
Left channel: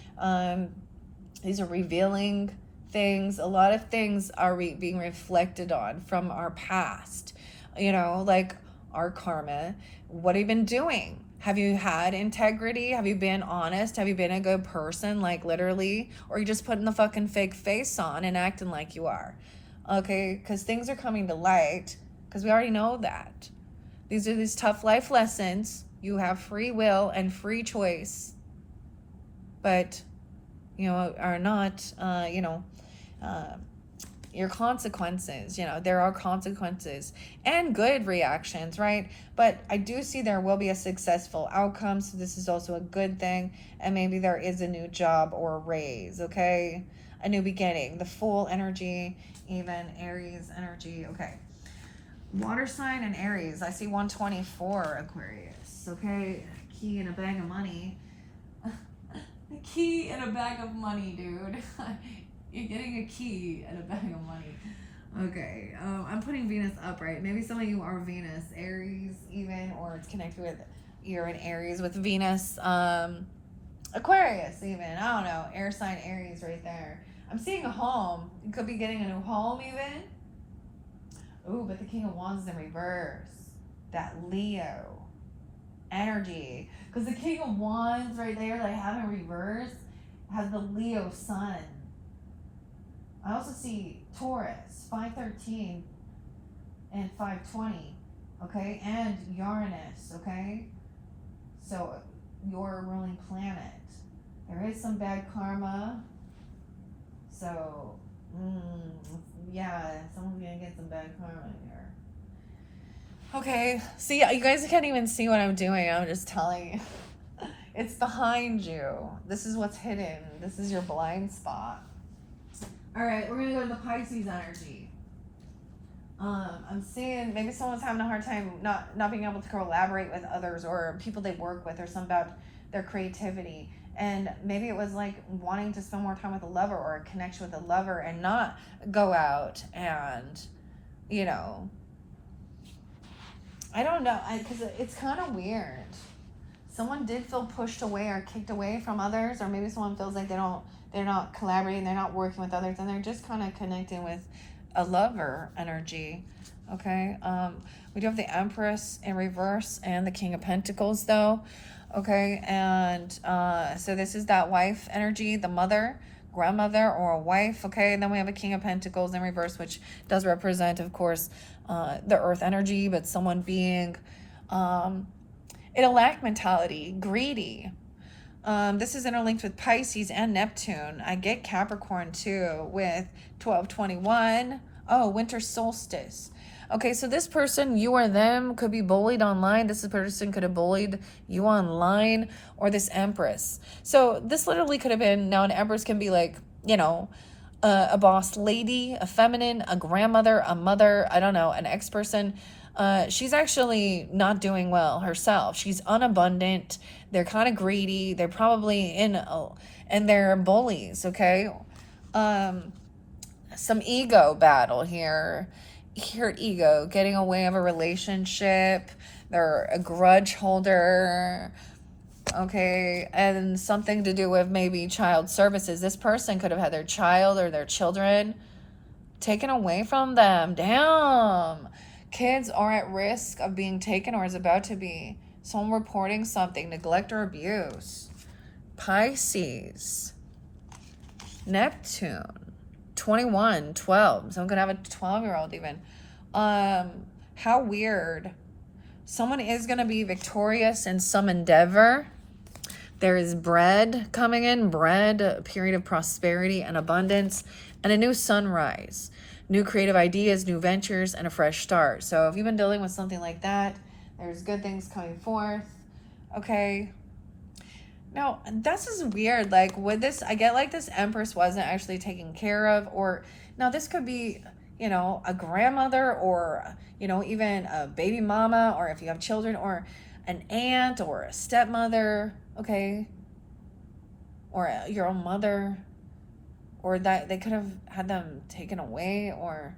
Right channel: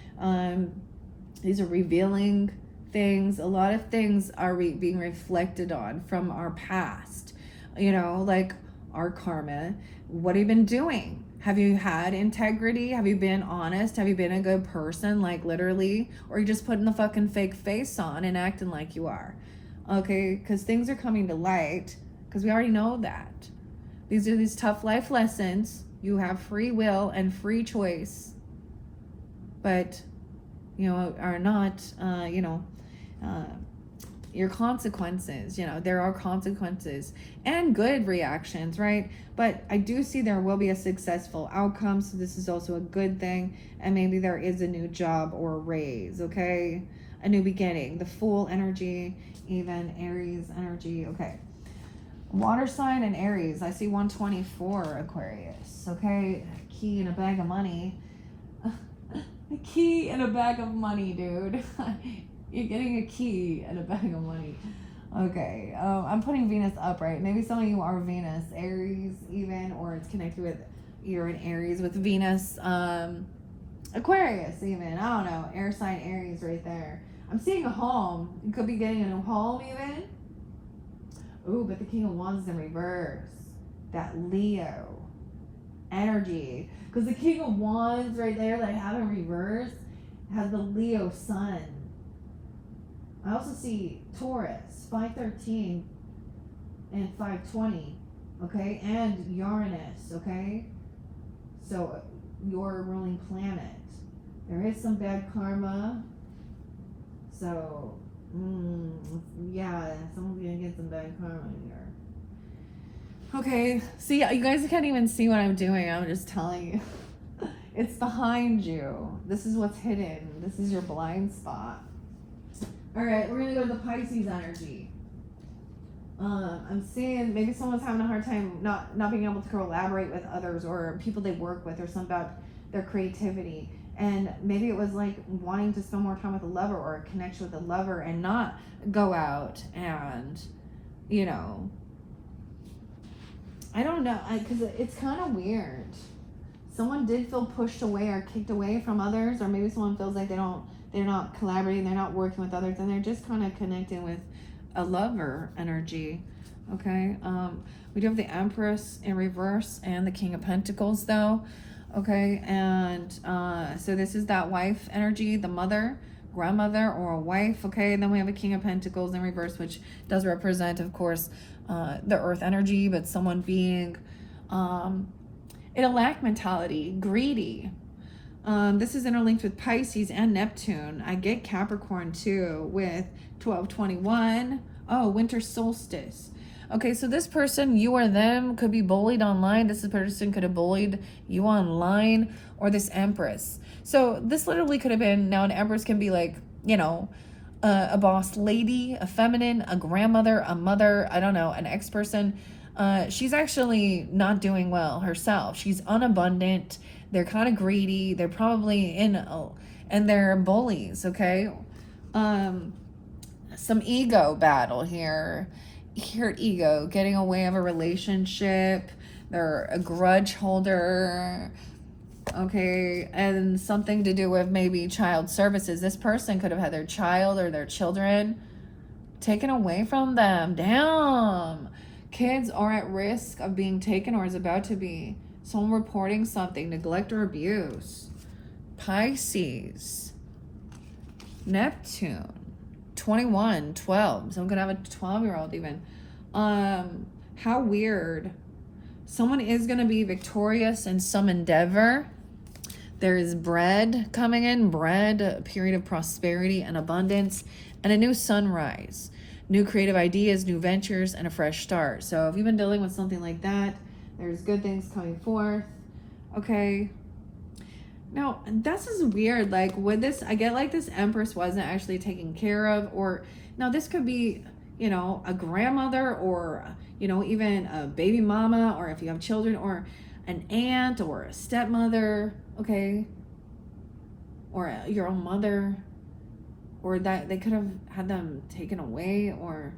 These are revealing things. A lot of things are being reflected on from our past, you know, like our karma. What have you been doing? Have you had integrity? Have you been honest? Have you been a good person, like literally? Or are you just putting the fucking fake face on and acting like you are? Okay, because things are coming to light, because we already know that. These are these tough life lessons. You have free will and free choice, but, you know, are not, your consequences. You know, there are consequences and good reactions, right? But I do see there will be a successful outcome, so this is also a good thing. And maybe there is a new job or a raise, okay? A new beginning. The Fool energy, even Aries energy, okay. Water sign and Aries. I see 124 Aquarius, okay? Key in a bag of money. A key in a bag of money, dude. You're getting a key and a bag of money. Okay, I'm putting Venus up, right? Maybe some of you are Venus, Aries even, or it's connected with, you're in Aries with Venus, Aquarius even. I don't know, air sign Aries right there. I'm seeing a home. You could be getting a new home even. Ooh, but the King of Wands is in reverse. That Leo energy. Because the King of Wands right there that I have in reverse has the Leo sun. I also see Taurus, 513 and 520, okay? And Uranus, okay? So, your ruling planet. There is some bad karma. So, yeah, someone's gonna get some bad karma here. Okay, see, you guys can't even see what I'm doing. I'm just telling you. It's behind you. This is what's hidden. This is your blind spot. All right, we're going to go to the Pisces energy. I'm seeing maybe someone's having a hard time not being able to collaborate with others or people they work with, or something about their creativity. And maybe it was like wanting to spend more time with a lover or a connection with a lover and not go out and, you know, I don't know, because it's kind of weird. Someone did feel pushed away or kicked away from others, or maybe someone feels like they're not collaborating, they're not working with others, and they're just kind of connecting with a lover energy. Okay, we do have the Empress in reverse and the King of Pentacles, though. Okay, and so this is that wife energy, the mother, grandmother, or a wife. Okay, and then we have a King of Pentacles in reverse, which does represent, of course, the earth energy, but someone being in a lack mentality, greedy. This is interlinked with Pisces and Neptune. I get Capricorn too with 1221. Oh, winter solstice. Okay, so this person, you or them, could be bullied online. This person could have bullied you online, or this Empress. So this literally could have been, now an Empress can be like, you know, a boss lady, a feminine, a grandmother, a mother, I don't know, an ex-person. She's actually not doing well herself. She's unabundant. They're kind of greedy. They're probably and they're bullies, okay? Some ego battle here. Hurt ego, getting away of a relationship. They're a grudge holder, okay? And something to do with maybe child services. This person could have had their child or their children taken away from them. Damn. Kids are at risk of being taken or is about to be. Someone reporting something, neglect or abuse. Pisces. Neptune. 21, 12. So I'm going to have a 12-year-old even. How weird. Someone is going to be victorious in some endeavor. There is bread coming in. Bread, a period of prosperity and abundance. And a new sunrise. New creative ideas, new ventures, and a fresh start. So if you've been dealing with something like that, there's good things coming forth. Okay. Now, this is weird. Like, would this, I get like this Empress wasn't actually taken care of, or, now this could be, you know, a grandmother, or, you know, even a baby mama, or if you have children, or an aunt, or a stepmother, okay, or your own mother, or that they could have had them taken away, or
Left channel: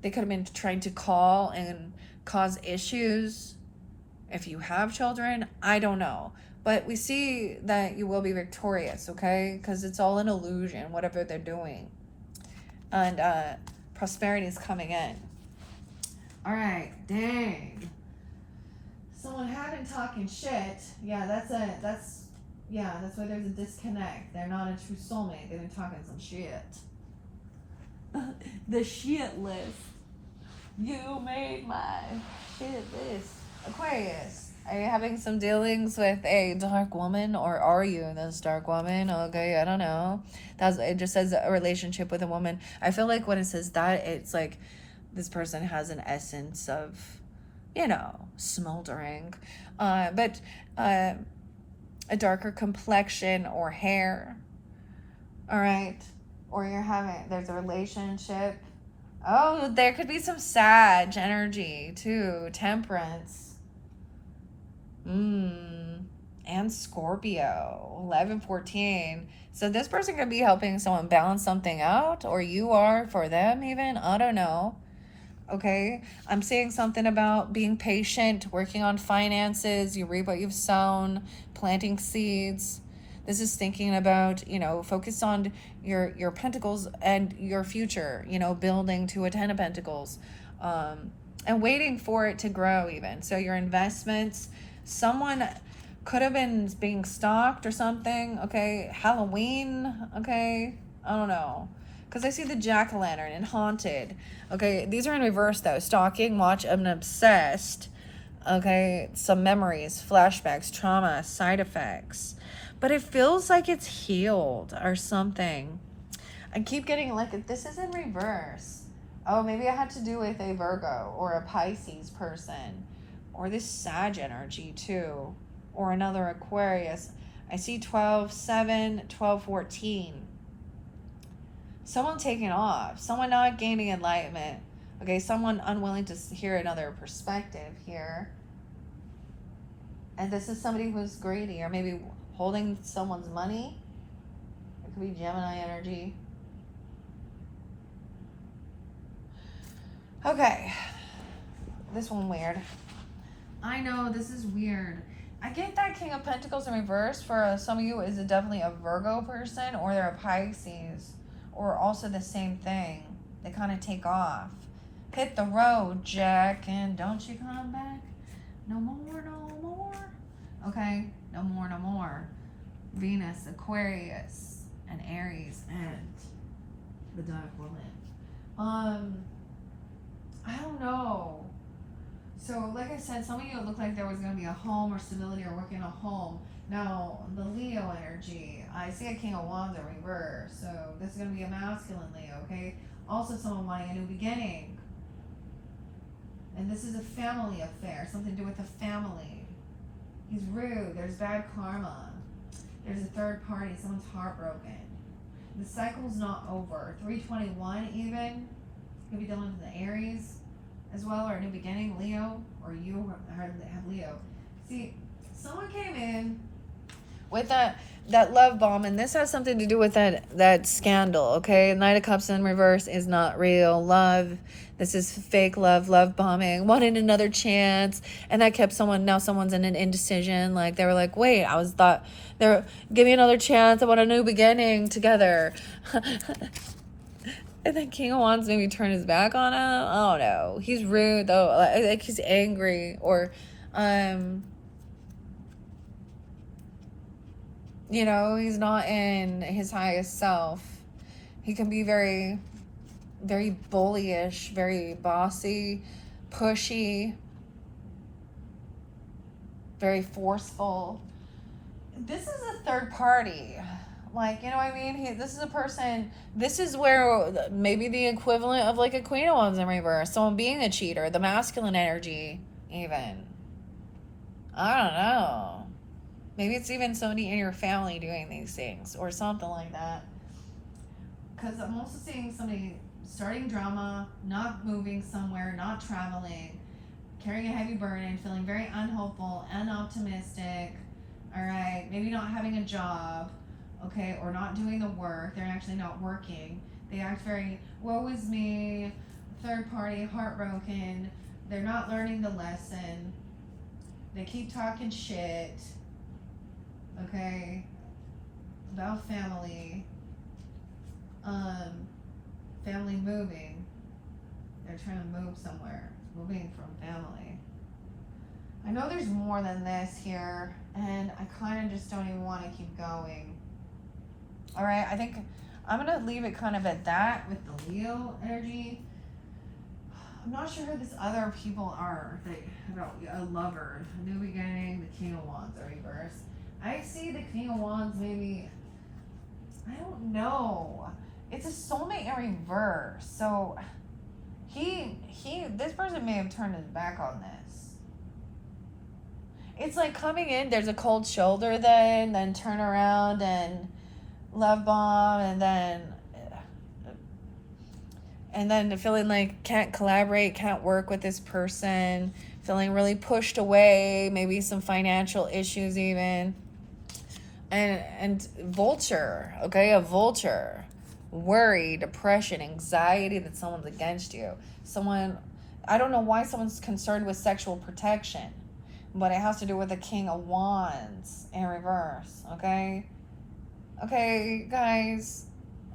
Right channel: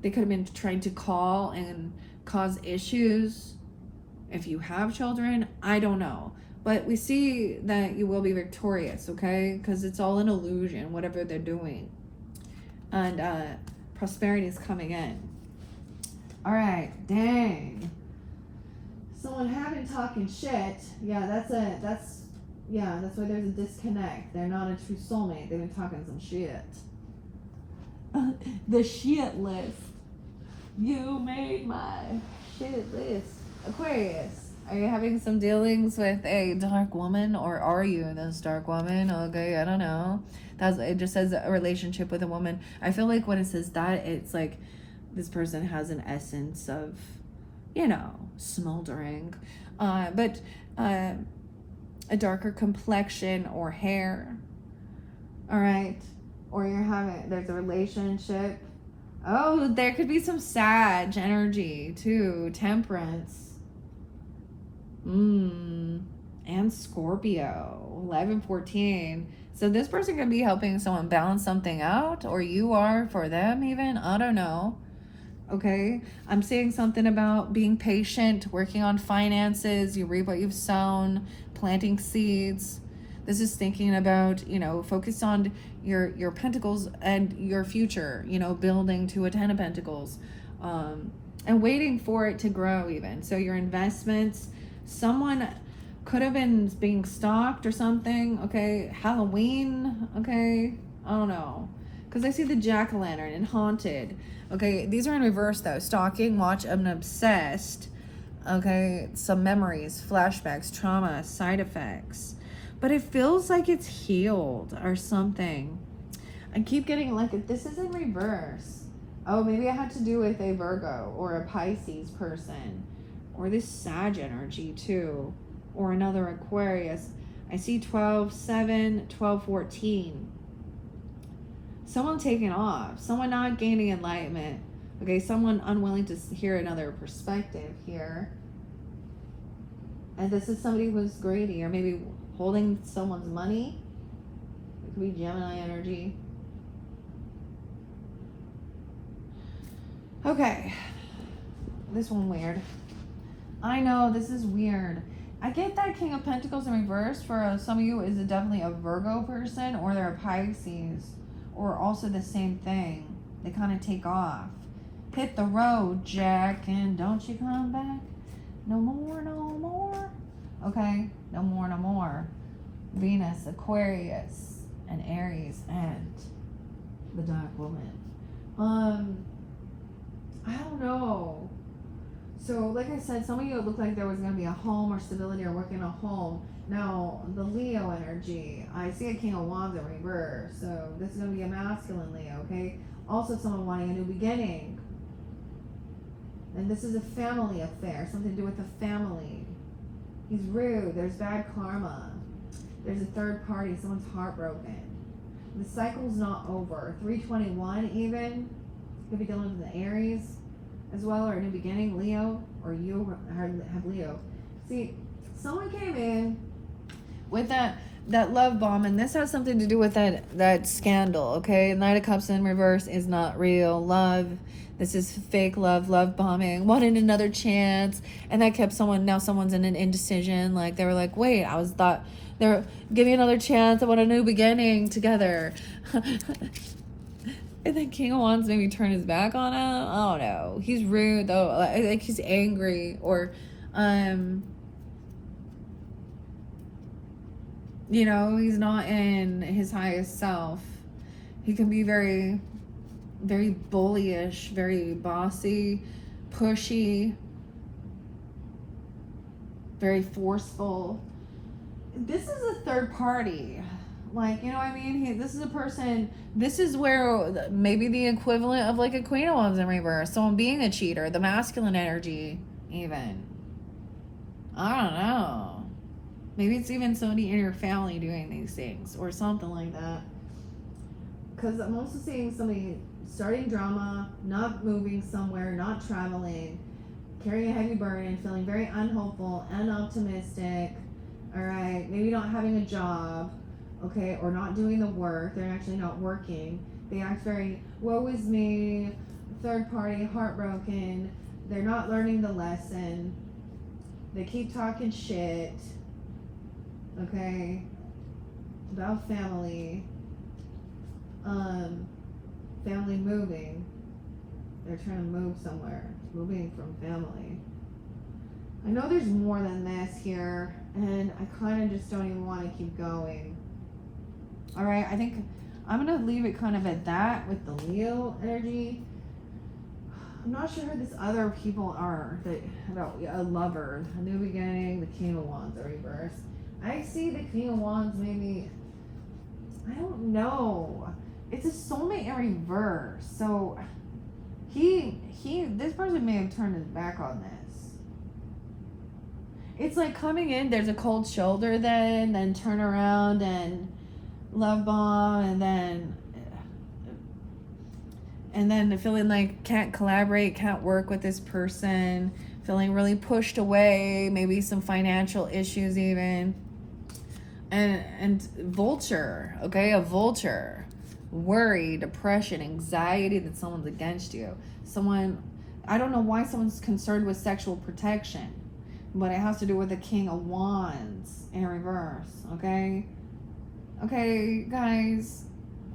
they could have been trying to call and cause issues. If you have children, I don't know. But we see that you will be victorious, okay? Because it's all an illusion, whatever they're doing. And prosperity is coming in. All right, dang. Someone had been talking shit. Yeah, that's why there's a disconnect. They're not a true soulmate. They've been talking some shit. The shit list. You made my shit list. Aquarius. Are you having some dealings with a dark woman, or are you this dark woman? Okay, I don't know. It just says a relationship with a woman. I feel like when it says that, it's like this person has an essence of, you know, smoldering. But a darker complexion or hair. All right. Or there's a relationship. Oh, there could be some Sag energy too. Temperance. And Scorpio, 11, 14. So this person could be helping someone balance something out, or you are for them even. I don't know. Okay. I'm seeing something about being patient, working on finances. You reap what you've sown, planting seeds. This is thinking about, you know, focus on your pentacles and your future, you know, building to a 10 of pentacles, and waiting for it to grow even. So your investments, someone could have been being stalked or something, okay? Halloween, okay? I don't know. Because I see the jack-o'-lantern and haunted. Okay, these are in reverse though. Stalking, watch, and obsessed. Okay, some memories, flashbacks, trauma, side effects. But it feels like it's healed or something. I keep getting like, if this is in reverse. Oh, maybe I had to do with a Virgo or a Pisces person. Or this Sag energy too. Or another Aquarius. I see 12, 7, 12, 14. Someone taking off. Someone not gaining enlightenment. Okay, someone unwilling to hear another perspective here. And this is somebody who's greedy or maybe holding someone's money. It could be Gemini energy. Okay. This one weird. I know, this is weird. I get that King of Pentacles in reverse for some of you is definitely a Virgo person, or they're a Pisces, or also the same thing. They kind of take off. Hit the road, Jack, and don't you come back. No more, no more. Okay, no more, no more. Venus, Aquarius, and Aries, and the Dark Woman. I don't know. So, like I said, some of you it looked like there was going to be a home or stability or work in a home. Now, the Leo energy, I see a King of Wands in reverse. So, this is going to be a masculine Leo, okay? Also, someone wanting a new beginning. And this is a family affair, something to do with the family. He's rude. There's bad karma. There's a third party. Someone's heartbroken. The cycle's not over. 321 even. Could be dealing with the Aries as well, or a new beginning, Leo, or you have Leo. See, someone came in with that love bomb, and this has something to do with that scandal, okay? Knight of Cups in reverse is not real love. This is fake love bombing, wanting another chance, and that kept someone's in an indecision. Like, they were like, wait, they're give me another chance, I want a new beginning together. And then King of Wands maybe turn his back on him. Oh no, he's rude though. Like he's angry, or you know, he's not in his highest self. He can be very, very bullyish, very bossy, pushy, very forceful. This is a third party. Like, you know what I mean? This is a person, this is where maybe the equivalent of like a Queen of Wands in reverse. Someone being a cheater, the masculine energy even. I don't know. Maybe it's even somebody in your family doing these things or something like that. Because I'm also seeing somebody starting drama, not moving somewhere, not traveling, carrying a heavy burden, feeling very unhopeful, unoptimistic. All right, maybe not having a job. Okay, or not doing the work. They're actually not working. They act very, woe is me, third party, heartbroken. They're not learning the lesson. They keep talking shit. Okay, about family. Family moving. They're trying to move somewhere. Moving from family. I know there's more than this here, and I kind of just don't even want to keep going. All right, I think I'm going to leave it kind of at that with the Leo energy. I'm not sure who these other people are. About a lover, a new beginning, the King of Wands are reversed. I see the King of Wands maybe, I don't know. It's a soulmate in reverse. So this person may have turned his back on this. It's like coming in, there's a cold shoulder then turn around and love bomb, and then feeling like can't collaborate, can't work with this person, feeling really pushed away, maybe some financial issues even. And vulture, okay, a vulture. Worry, depression, anxiety that someone's against you. Someone, I don't know why someone's concerned with sexual protection, but it has to do with the King of Wands in reverse, okay? Okay, guys.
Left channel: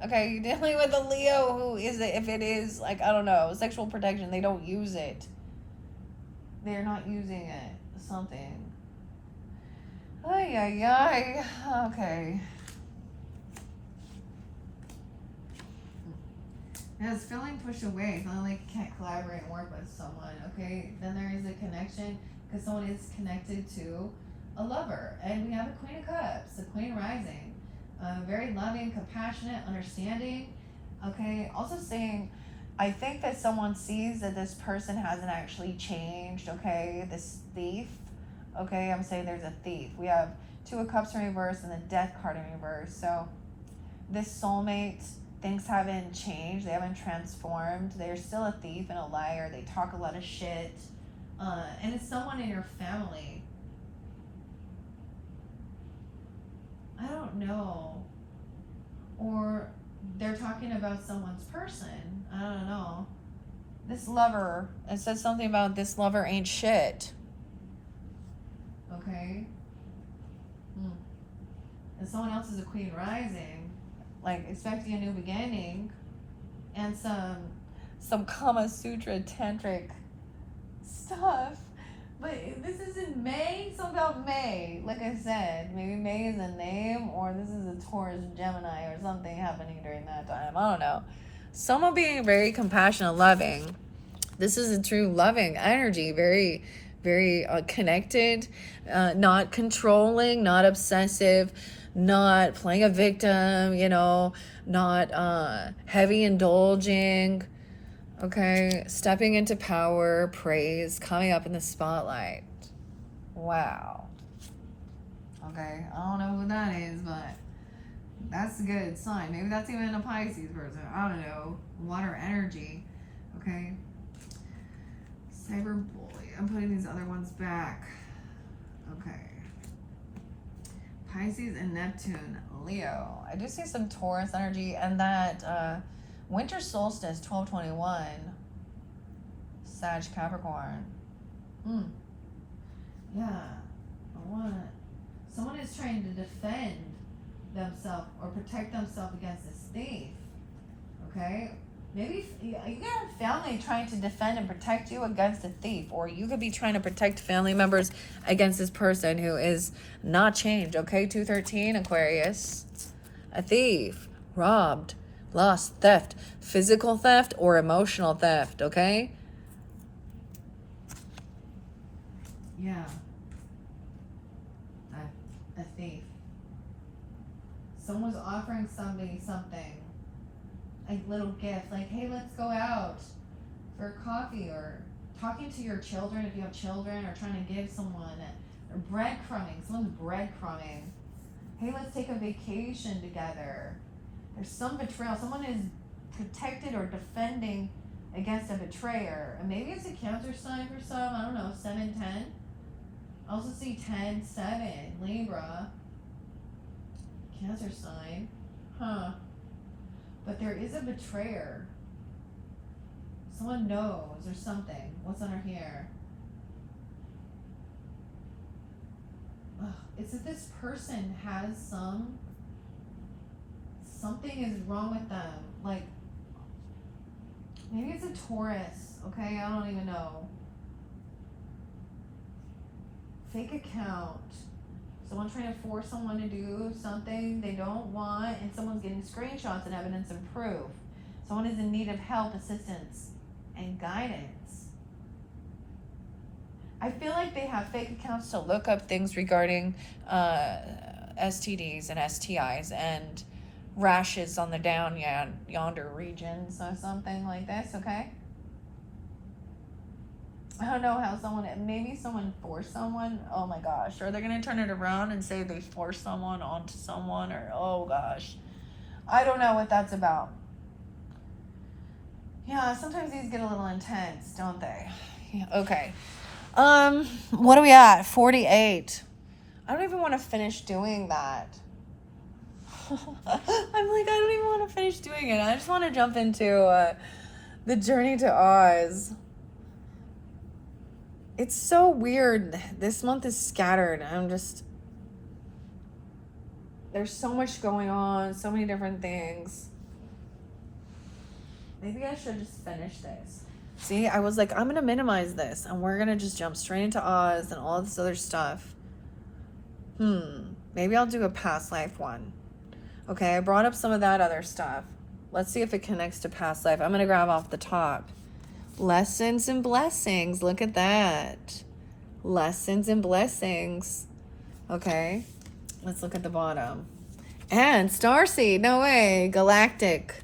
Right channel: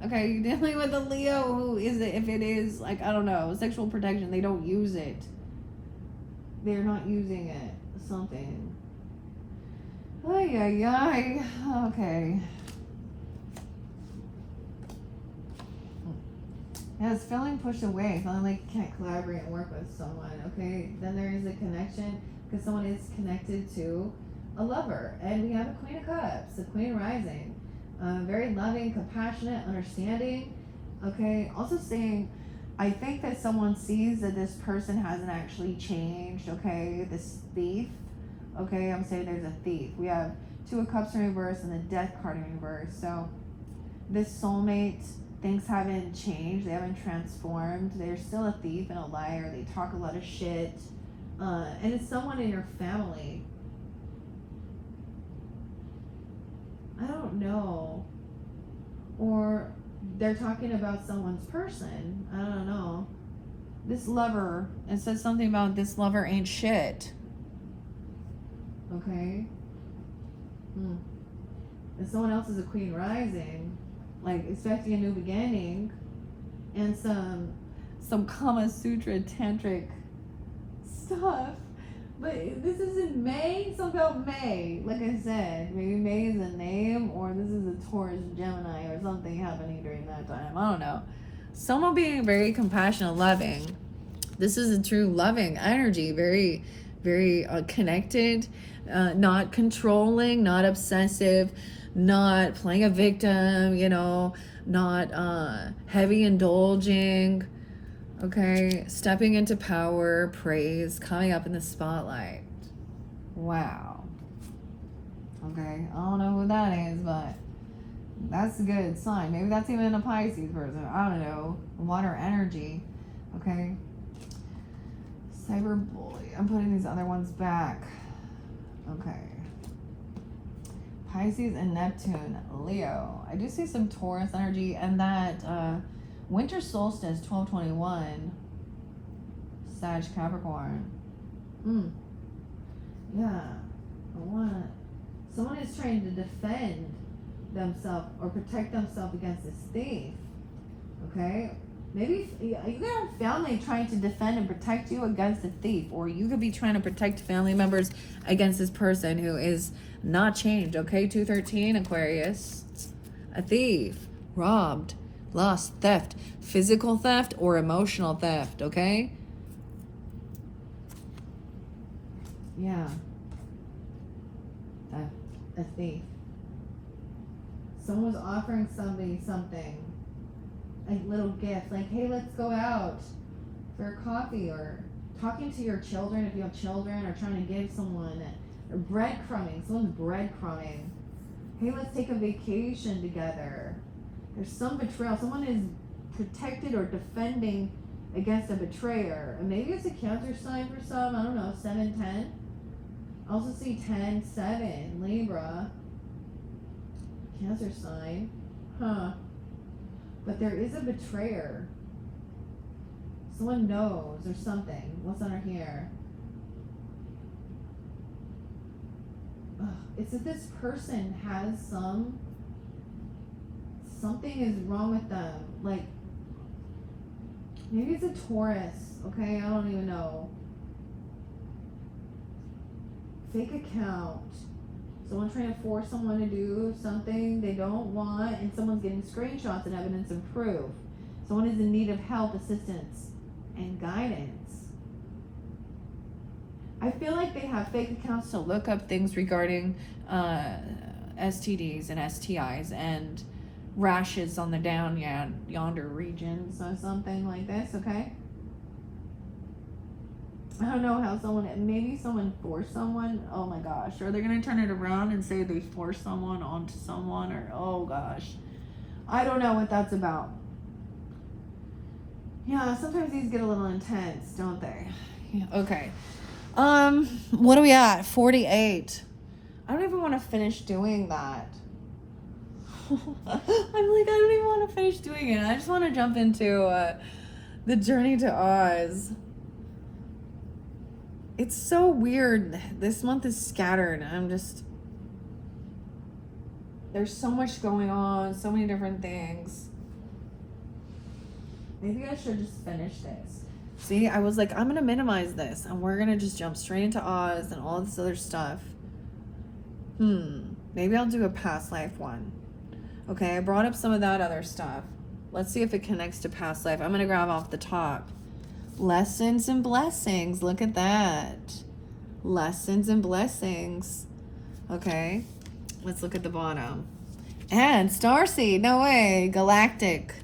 Okay, you're dealing with a Leo who is, if it is, like, I don't know, sexual protection, they don't use it. They're not using it. Something. Ay, ay, ay. Okay. Yeah, it's feeling pushed away, feeling like you can't collaborate and work with someone, okay? Then there is a connection, because someone is connected to a lover. And we have a Queen of Cups, the Queen rising. Very loving, compassionate, understanding. Okay, also saying, I think that someone sees that this person hasn't actually changed. Okay, this thief. Okay, I'm saying there's a thief. We have Two of Cups in reverse and the Death card in reverse. So this soulmate things haven't changed. They haven't transformed. They're still a thief and a liar. They talk a lot of shit. And it's someone in your family. I don't know. Or they're talking about someone's person. I don't know. This lover, it says something about this lover ain't shit. Okay? And someone else is a queen rising, like expecting a new beginning, and some Kama Sutra tantric stuff. But this is in May, so about May. Like I said, maybe May is a name, or this is a Taurus Gemini or something happening during that time. I don't know. Someone being very compassionate, loving. This is a true loving energy, very, very connected, not controlling, not obsessive, not playing a victim, you know, not heavy indulging. Okay, stepping into power, praise, coming up in the spotlight. Wow. Okay, I don't know who that is, but that's a good sign. Maybe that's even a Pisces person. I don't know. Water energy. Okay. Cyber bully. I'm putting these other ones back. Okay. Pisces and Neptune. Leo. I do see some Taurus energy, and that winter solstice 12/21. Sag Capricorn. Yeah. Someone is trying to defend themselves or protect themselves against this thief. Okay? Maybe you got a family trying to defend and protect you against a thief, or you could be trying to protect family members against this person who is not changed. Okay? 213 Aquarius. A thief. Robbed. Lost. Theft. Physical theft or emotional theft. Okay? Yeah. A thief. Someone's offering somebody something, a little gift, like, hey, let's go out for coffee, or talking to your children if you have children, or trying to give someone, or breadcrumbing. Someone's breadcrumbing. Hey, let's take a vacation together. There's some betrayal. Someone is protected or defending against a betrayer. And maybe it's a Cancer sign for some. I don't know, 7-10. I also see 10-7, Libra. Cancer sign. Huh. But there is a betrayer. Someone knows or something. What's under here? It's that this person has something is wrong with them. Like, maybe it's a Taurus. Okay, I don't even know. Fake account. Someone trying to force someone to do something they don't want, and someone's getting screenshots and evidence and proof. Someone is in need of help, assistance, and guidance. I feel like they have fake accounts to look up things regarding STDs and STIs and rashes on the down yonder regions or something like this, okay? I don't know how maybe someone forced someone. Oh my gosh. Or they're going to turn it around and say they forced someone onto someone, or, oh gosh. I don't know what that's about. Yeah, sometimes these get a little intense, don't they? Yeah, okay. What are we at? 48. I don't even want to finish doing that. I'm like, I don't even want to finish doing it. I just want to jump into the Journey to Oz. It's so weird. This month is scattered. There's so much going on, so many different things. Maybe I should just finish this. See, I was like, I'm going to minimize this, and we're going to just jump straight into Oz and all this other stuff. Maybe I'll do a past life one. Okay, I brought up some of that other stuff. Let's see if it connects to past life. I'm going to grab off the top. Lessons and blessings. Look at that. Lessons and blessings. Okay. Let's look at the bottom. And starseed. No way. Galactic.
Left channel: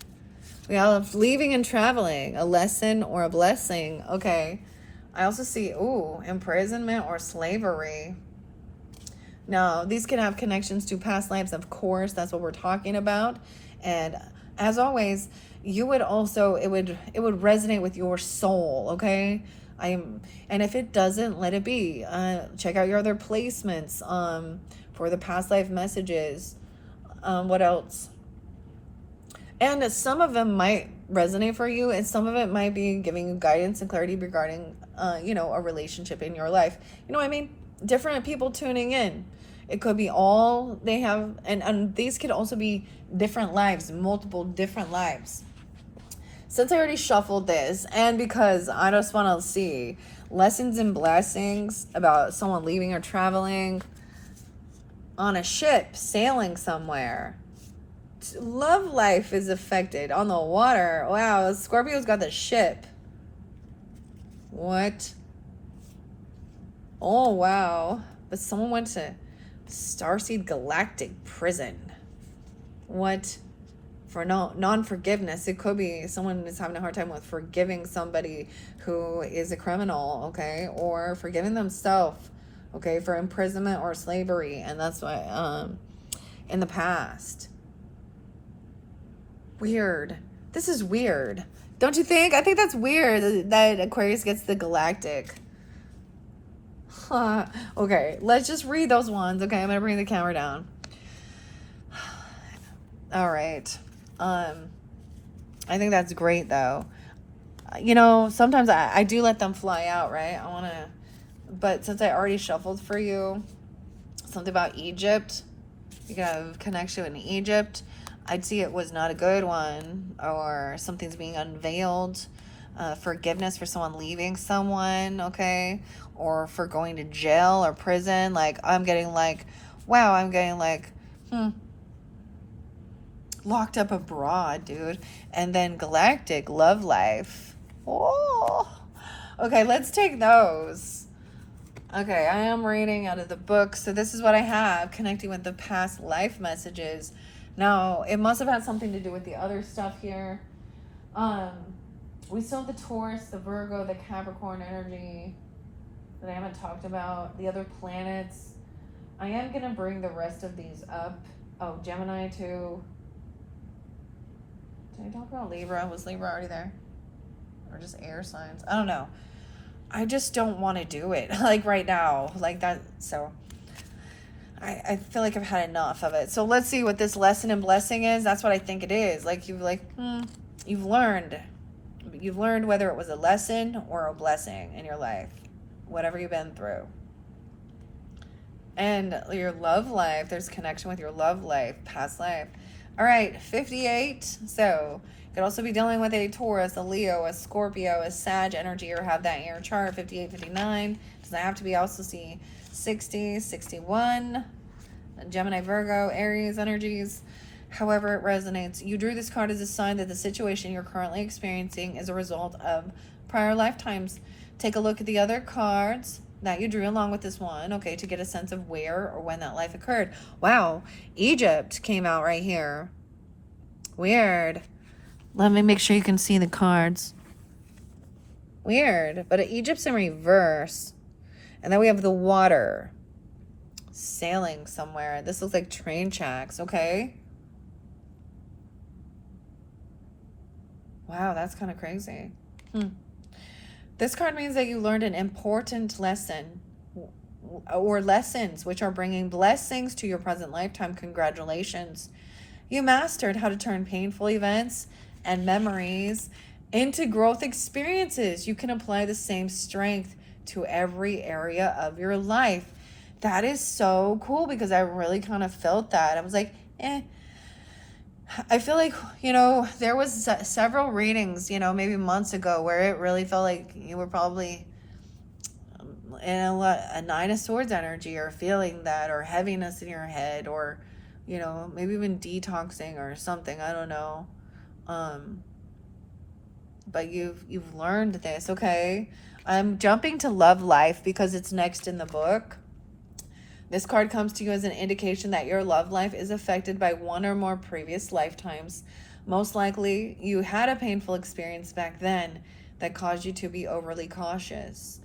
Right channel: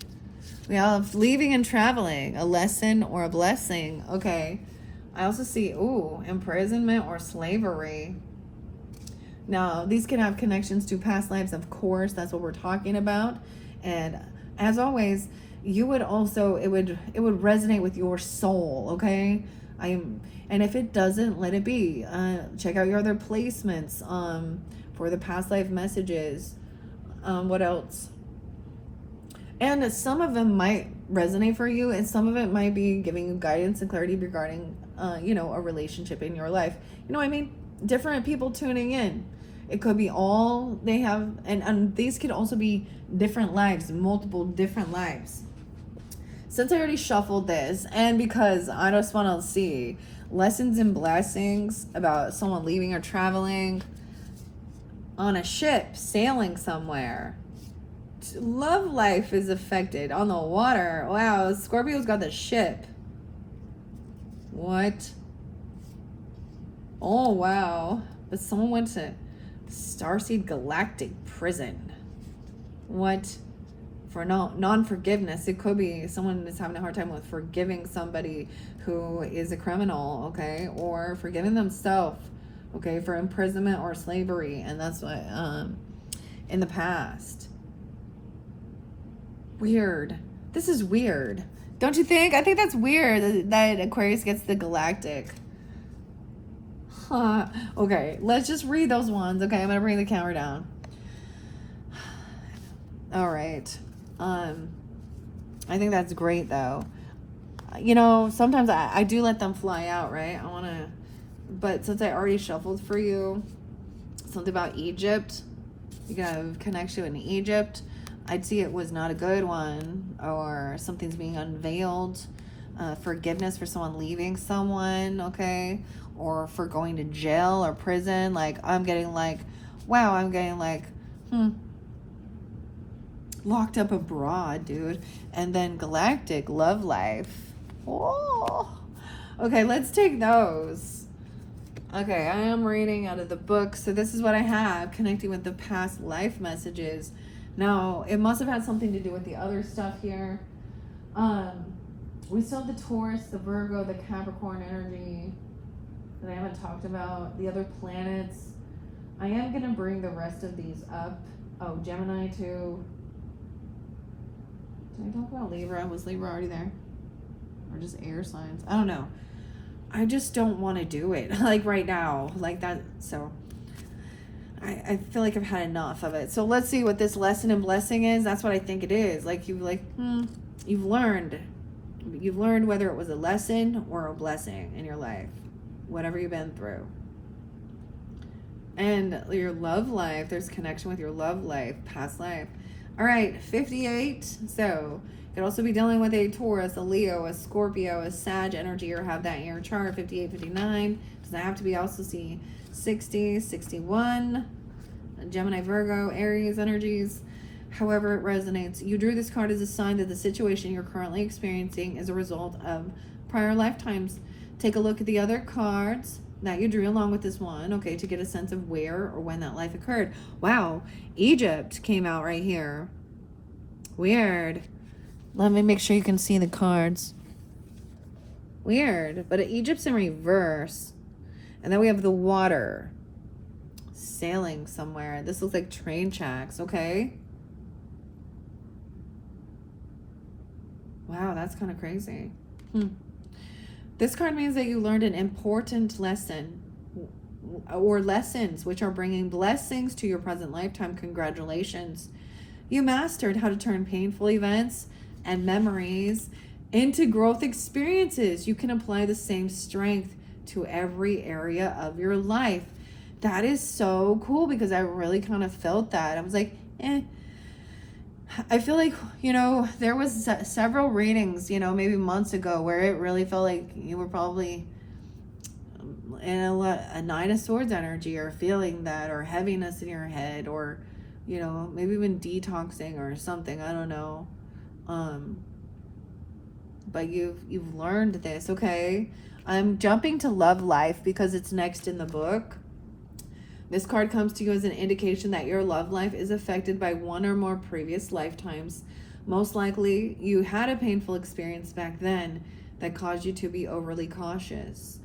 We have leaving and traveling. A lesson or a blessing. Okay. I also see, imprisonment or slavery. Now, these can have connections to past lives, of course. That's what we're talking about. And As always, you would also, it would resonate with your soul, okay? And if it doesn't, let it be. Check out your other placements for the past life messages. What else? And some of them might resonate for you, and some of it might be giving you guidance and clarity regarding, a relationship in your life. You know what I mean? Different people tuning in. It could be all they have, and these could also be different lives, multiple different lives. Since I already shuffled this, and because I just want to see lessons and blessings about someone leaving or traveling on a ship, sailing somewhere. Love life is affected on the water. Wow, Scorpio's got the ship. What? Oh, wow. But someone went to Starseed Galactic prison. What? For non-forgiveness. It could be someone is having a hard time with forgiving somebody who is a criminal, okay? Or forgiving themselves, okay, for imprisonment or slavery. And that's what, in the past. Weird. This is weird. Don't you think? I think that's weird that Aquarius gets the Galactic. Okay, let's just read those ones. Okay, I'm gonna bring the camera down. All right. I think that's great though. Sometimes I do let them fly out, right? But since I already shuffled for you, something about Egypt, you can have connection in Egypt. I'd see it was not a good one, or something's being unveiled. Forgiveness for someone leaving someone, okay? Or for going to jail or prison. Like, I'm getting locked up abroad, dude. And then Galactic, love life. Oh. Okay, let's take those. Okay, I am reading out of the book. So this is what I have, connecting with the past life messages. Now, it must have had something to do with the other stuff here. We still have the Taurus, the Virgo, the Capricorn energy that I haven't talked about. The other planets. I am going to bring the rest of these up. Oh, Gemini too. Did I talk about Libra? Was Libra already there? Or just air signs? I don't know. I just don't want to do it like right now. Like that. So I feel like I've had enough of it. So let's see what this lesson and blessing is. That's what I think it is. Like you've learned. You've learned whether it was a lesson or a blessing in your life. Whatever you've been through. And your love life, there's connection with your love life, past life. All right, 58. So you could also be dealing with a Taurus, a Leo, a Scorpio, a Sag energy, or have that in your chart. 58, 59. Doesn't have to be. Also see 60, 61. Gemini, Virgo, Aries energies. However it resonates. You drew this card as a sign that the situation you're currently experiencing is a result of prior lifetimes. Take a look at the other cards that you drew along with this one, okay, to get a sense of where or when that life occurred. Wow, Egypt came out right here. Weird. Let me make sure you can see the cards. Weird, but Egypt's in reverse. And then we have the water. Sailing somewhere. This looks like train tracks, okay? Wow, that's kind of crazy. This card means that you learned an important lesson or lessons which are bringing blessings to your present lifetime. Congratulations. You mastered how to turn painful events and memories into growth experiences. You can apply the same strength to every area of your life. That is so cool because I really kind of felt that. I was like, I feel like, there was several readings, maybe months ago where it really felt like you were probably in a Nine of Swords energy or feeling that or heaviness in your head or, maybe even detoxing or something. I don't know. But you've learned this, okay? I'm jumping to love life because it's next in the book. This card comes to you as an indication that your love life is affected by one or more previous lifetimes. Most likely, you had a painful experience back then that caused you to be overly cautious.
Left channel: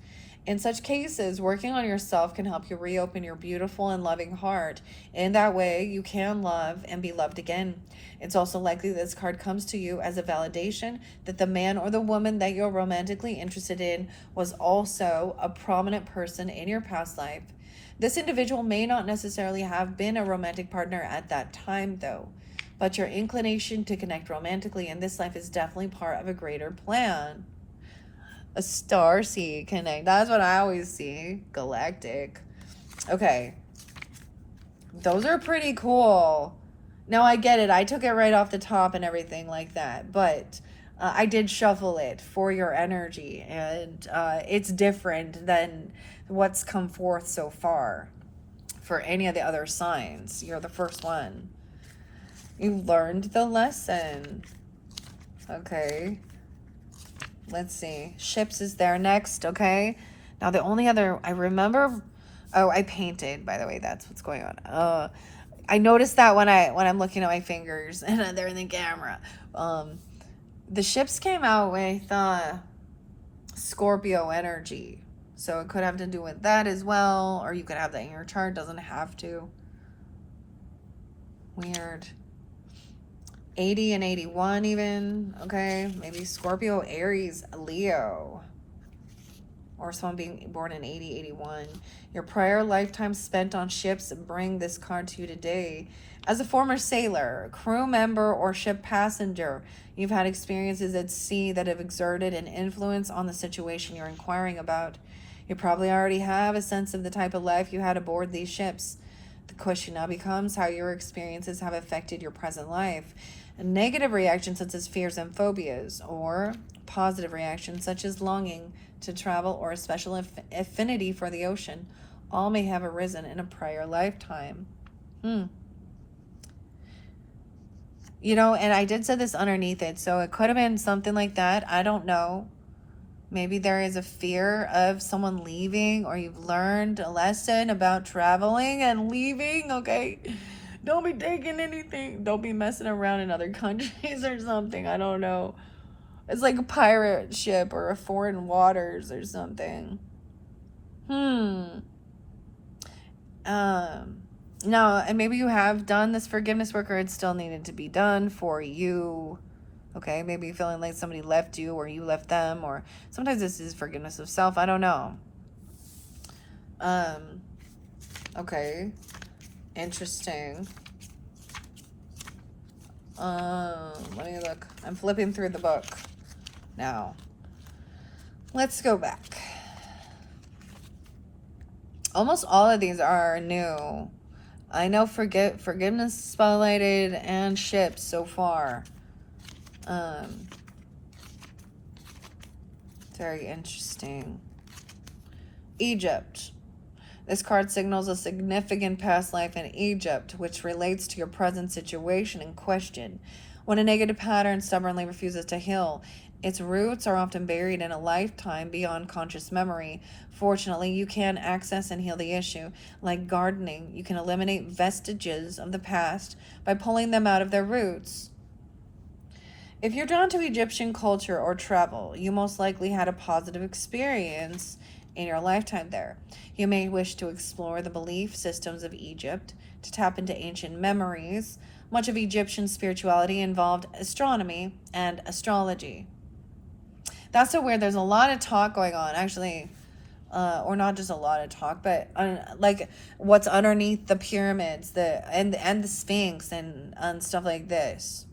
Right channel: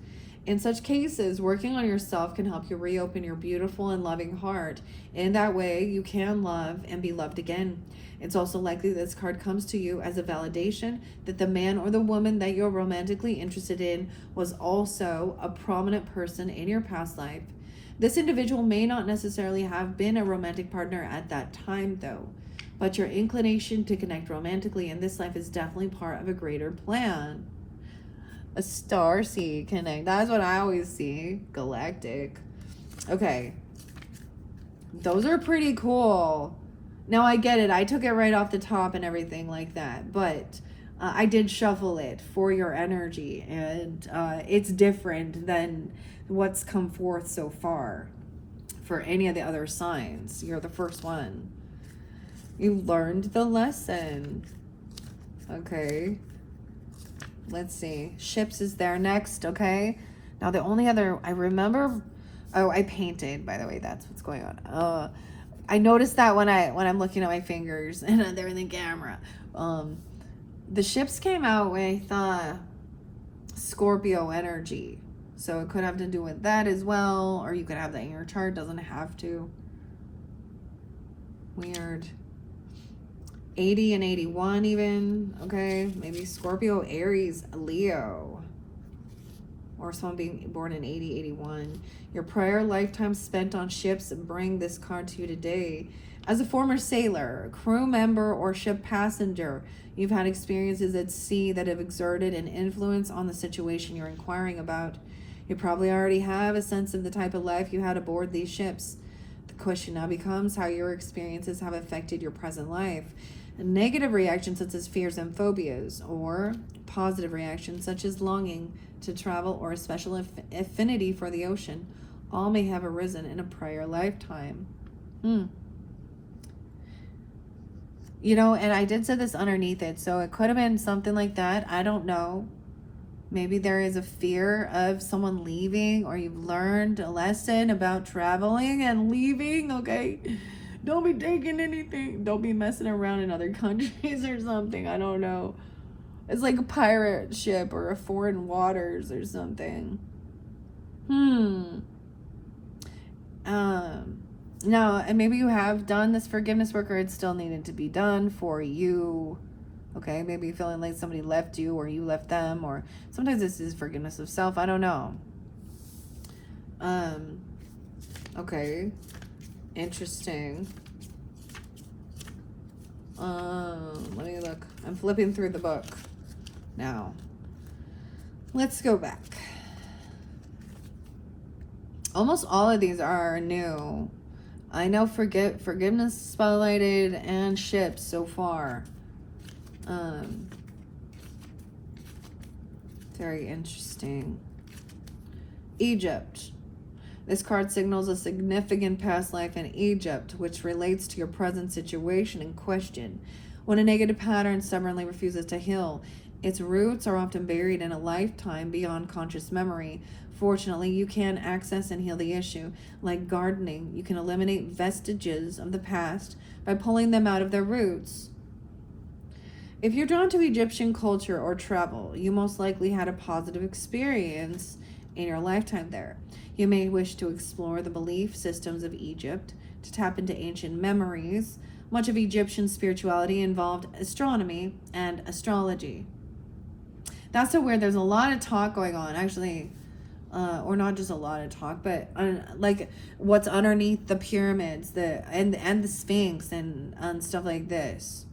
In such cases, working on yourself can help you reopen your beautiful and loving heart. In that way, you can love and be loved again. It's also likely this card comes to you as a validation that the man or the woman that you're romantically interested in was also a prominent person in your past life. This individual may not necessarily have been a romantic partner at that time, though, but your inclination to connect romantically in this life is definitely part of a greater plan. A star seed connect. That's what I always see. Galactic. Okay. Those are pretty cool. Now I get it. I took it right off the top and everything like that. But I did shuffle it for your energy. And it's different than what's come forth so far for any of the other signs. You're the first one. You learned the lesson. Okay. Let's see. Ships is there next, okay? Now the only other I remember, oh, I painted, by the way, that's what's going on. I noticed that when I'm looking at my fingers and they're in the camera. The ships came out with Scorpio energy. So it could have to do with that as well, or you could have that in your chart, doesn't have to. Weird. 80 and 81 even, okay? Maybe Scorpio, Aries, Leo. Or someone being born in 80, 81. Your prior lifetime spent on ships bring this card to you today. As a former sailor, crew member, or ship passenger, you've had experiences at sea that have exerted an influence on the situation you're inquiring about. You probably already have a sense of the type of life you had aboard these ships. The question now becomes how your experiences have affected your present life. Negative reactions such as fears and phobias, or positive reactions such as longing to travel or a special affinity for the ocean, all may have arisen in a prior lifetime. You know, and I did say this underneath it, so it could have been something like that. I don't know. Maybe there is a fear of someone leaving, or you've learned a lesson about traveling and leaving, okay? Don't be taking anything. Don't be messing around in other countries or something. I don't know. It's like a pirate ship or a foreign waters or something. No, and maybe you have done this forgiveness work, or it still needed to be done for you. Okay, maybe you're feeling like somebody left you or you left them, or sometimes this is forgiveness of self. I don't know. Okay. Interesting. Let me look. I'm flipping through the book now. Let's go back. Almost all of these are new. I know forgiveness spotlighted and ships so far. Very interesting. Egypt. This card signals a significant past life in Egypt, which relates to your present situation in question. When a negative pattern stubbornly refuses to heal, its roots are often buried in a lifetime beyond conscious memory. Fortunately, you can access and heal the issue. Like gardening, you can eliminate vestiges of the past by pulling them out of their roots. If you're drawn to Egyptian culture or travel, you most likely had a positive experience in your lifetime there. You may wish to explore the belief systems of Egypt, to tap into ancient memories. Much of Egyptian spirituality involved astronomy and astrology. That's so weird. There's a lot of talk going on, actually, or not just a lot of talk, but like what's underneath the pyramids, and the Sphinx and stuff like this.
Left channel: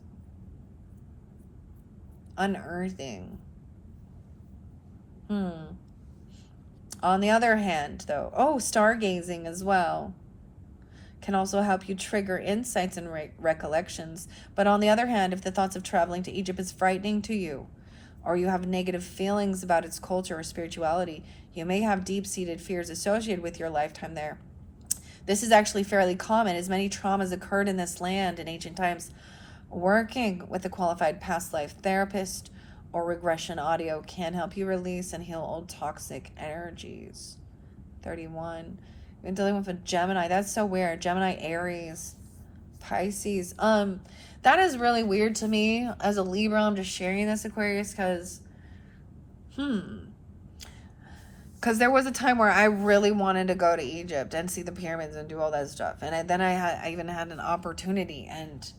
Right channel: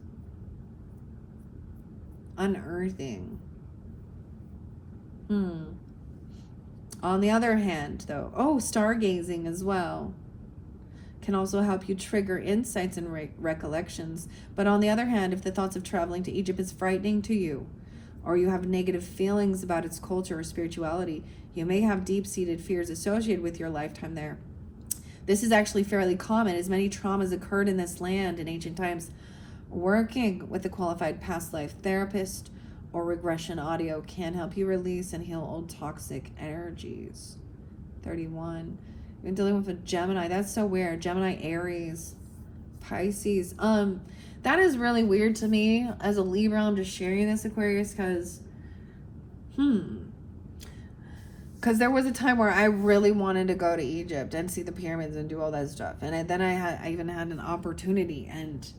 Unearthing. On the other hand, though, stargazing as well can also help you trigger insights and recollections. But on the other hand, if the thoughts of traveling to Egypt is frightening to you, or you have negative feelings about its culture or spirituality, you may have deep-seated fears associated with your lifetime there. This is actually fairly common, as many traumas occurred in this land in ancient times. Working with a qualified past life therapist or regression audio can help you release and heal old toxic energies. 31. You're dealing with a Gemini. That's so weird. Gemini, Aries, Pisces. That is really weird to me. As a Libra, I'm just sharing this, Aquarius, because Because there was a time where I really wanted to go to Egypt and see the pyramids and do all that stuff. And then I even had an opportunity, and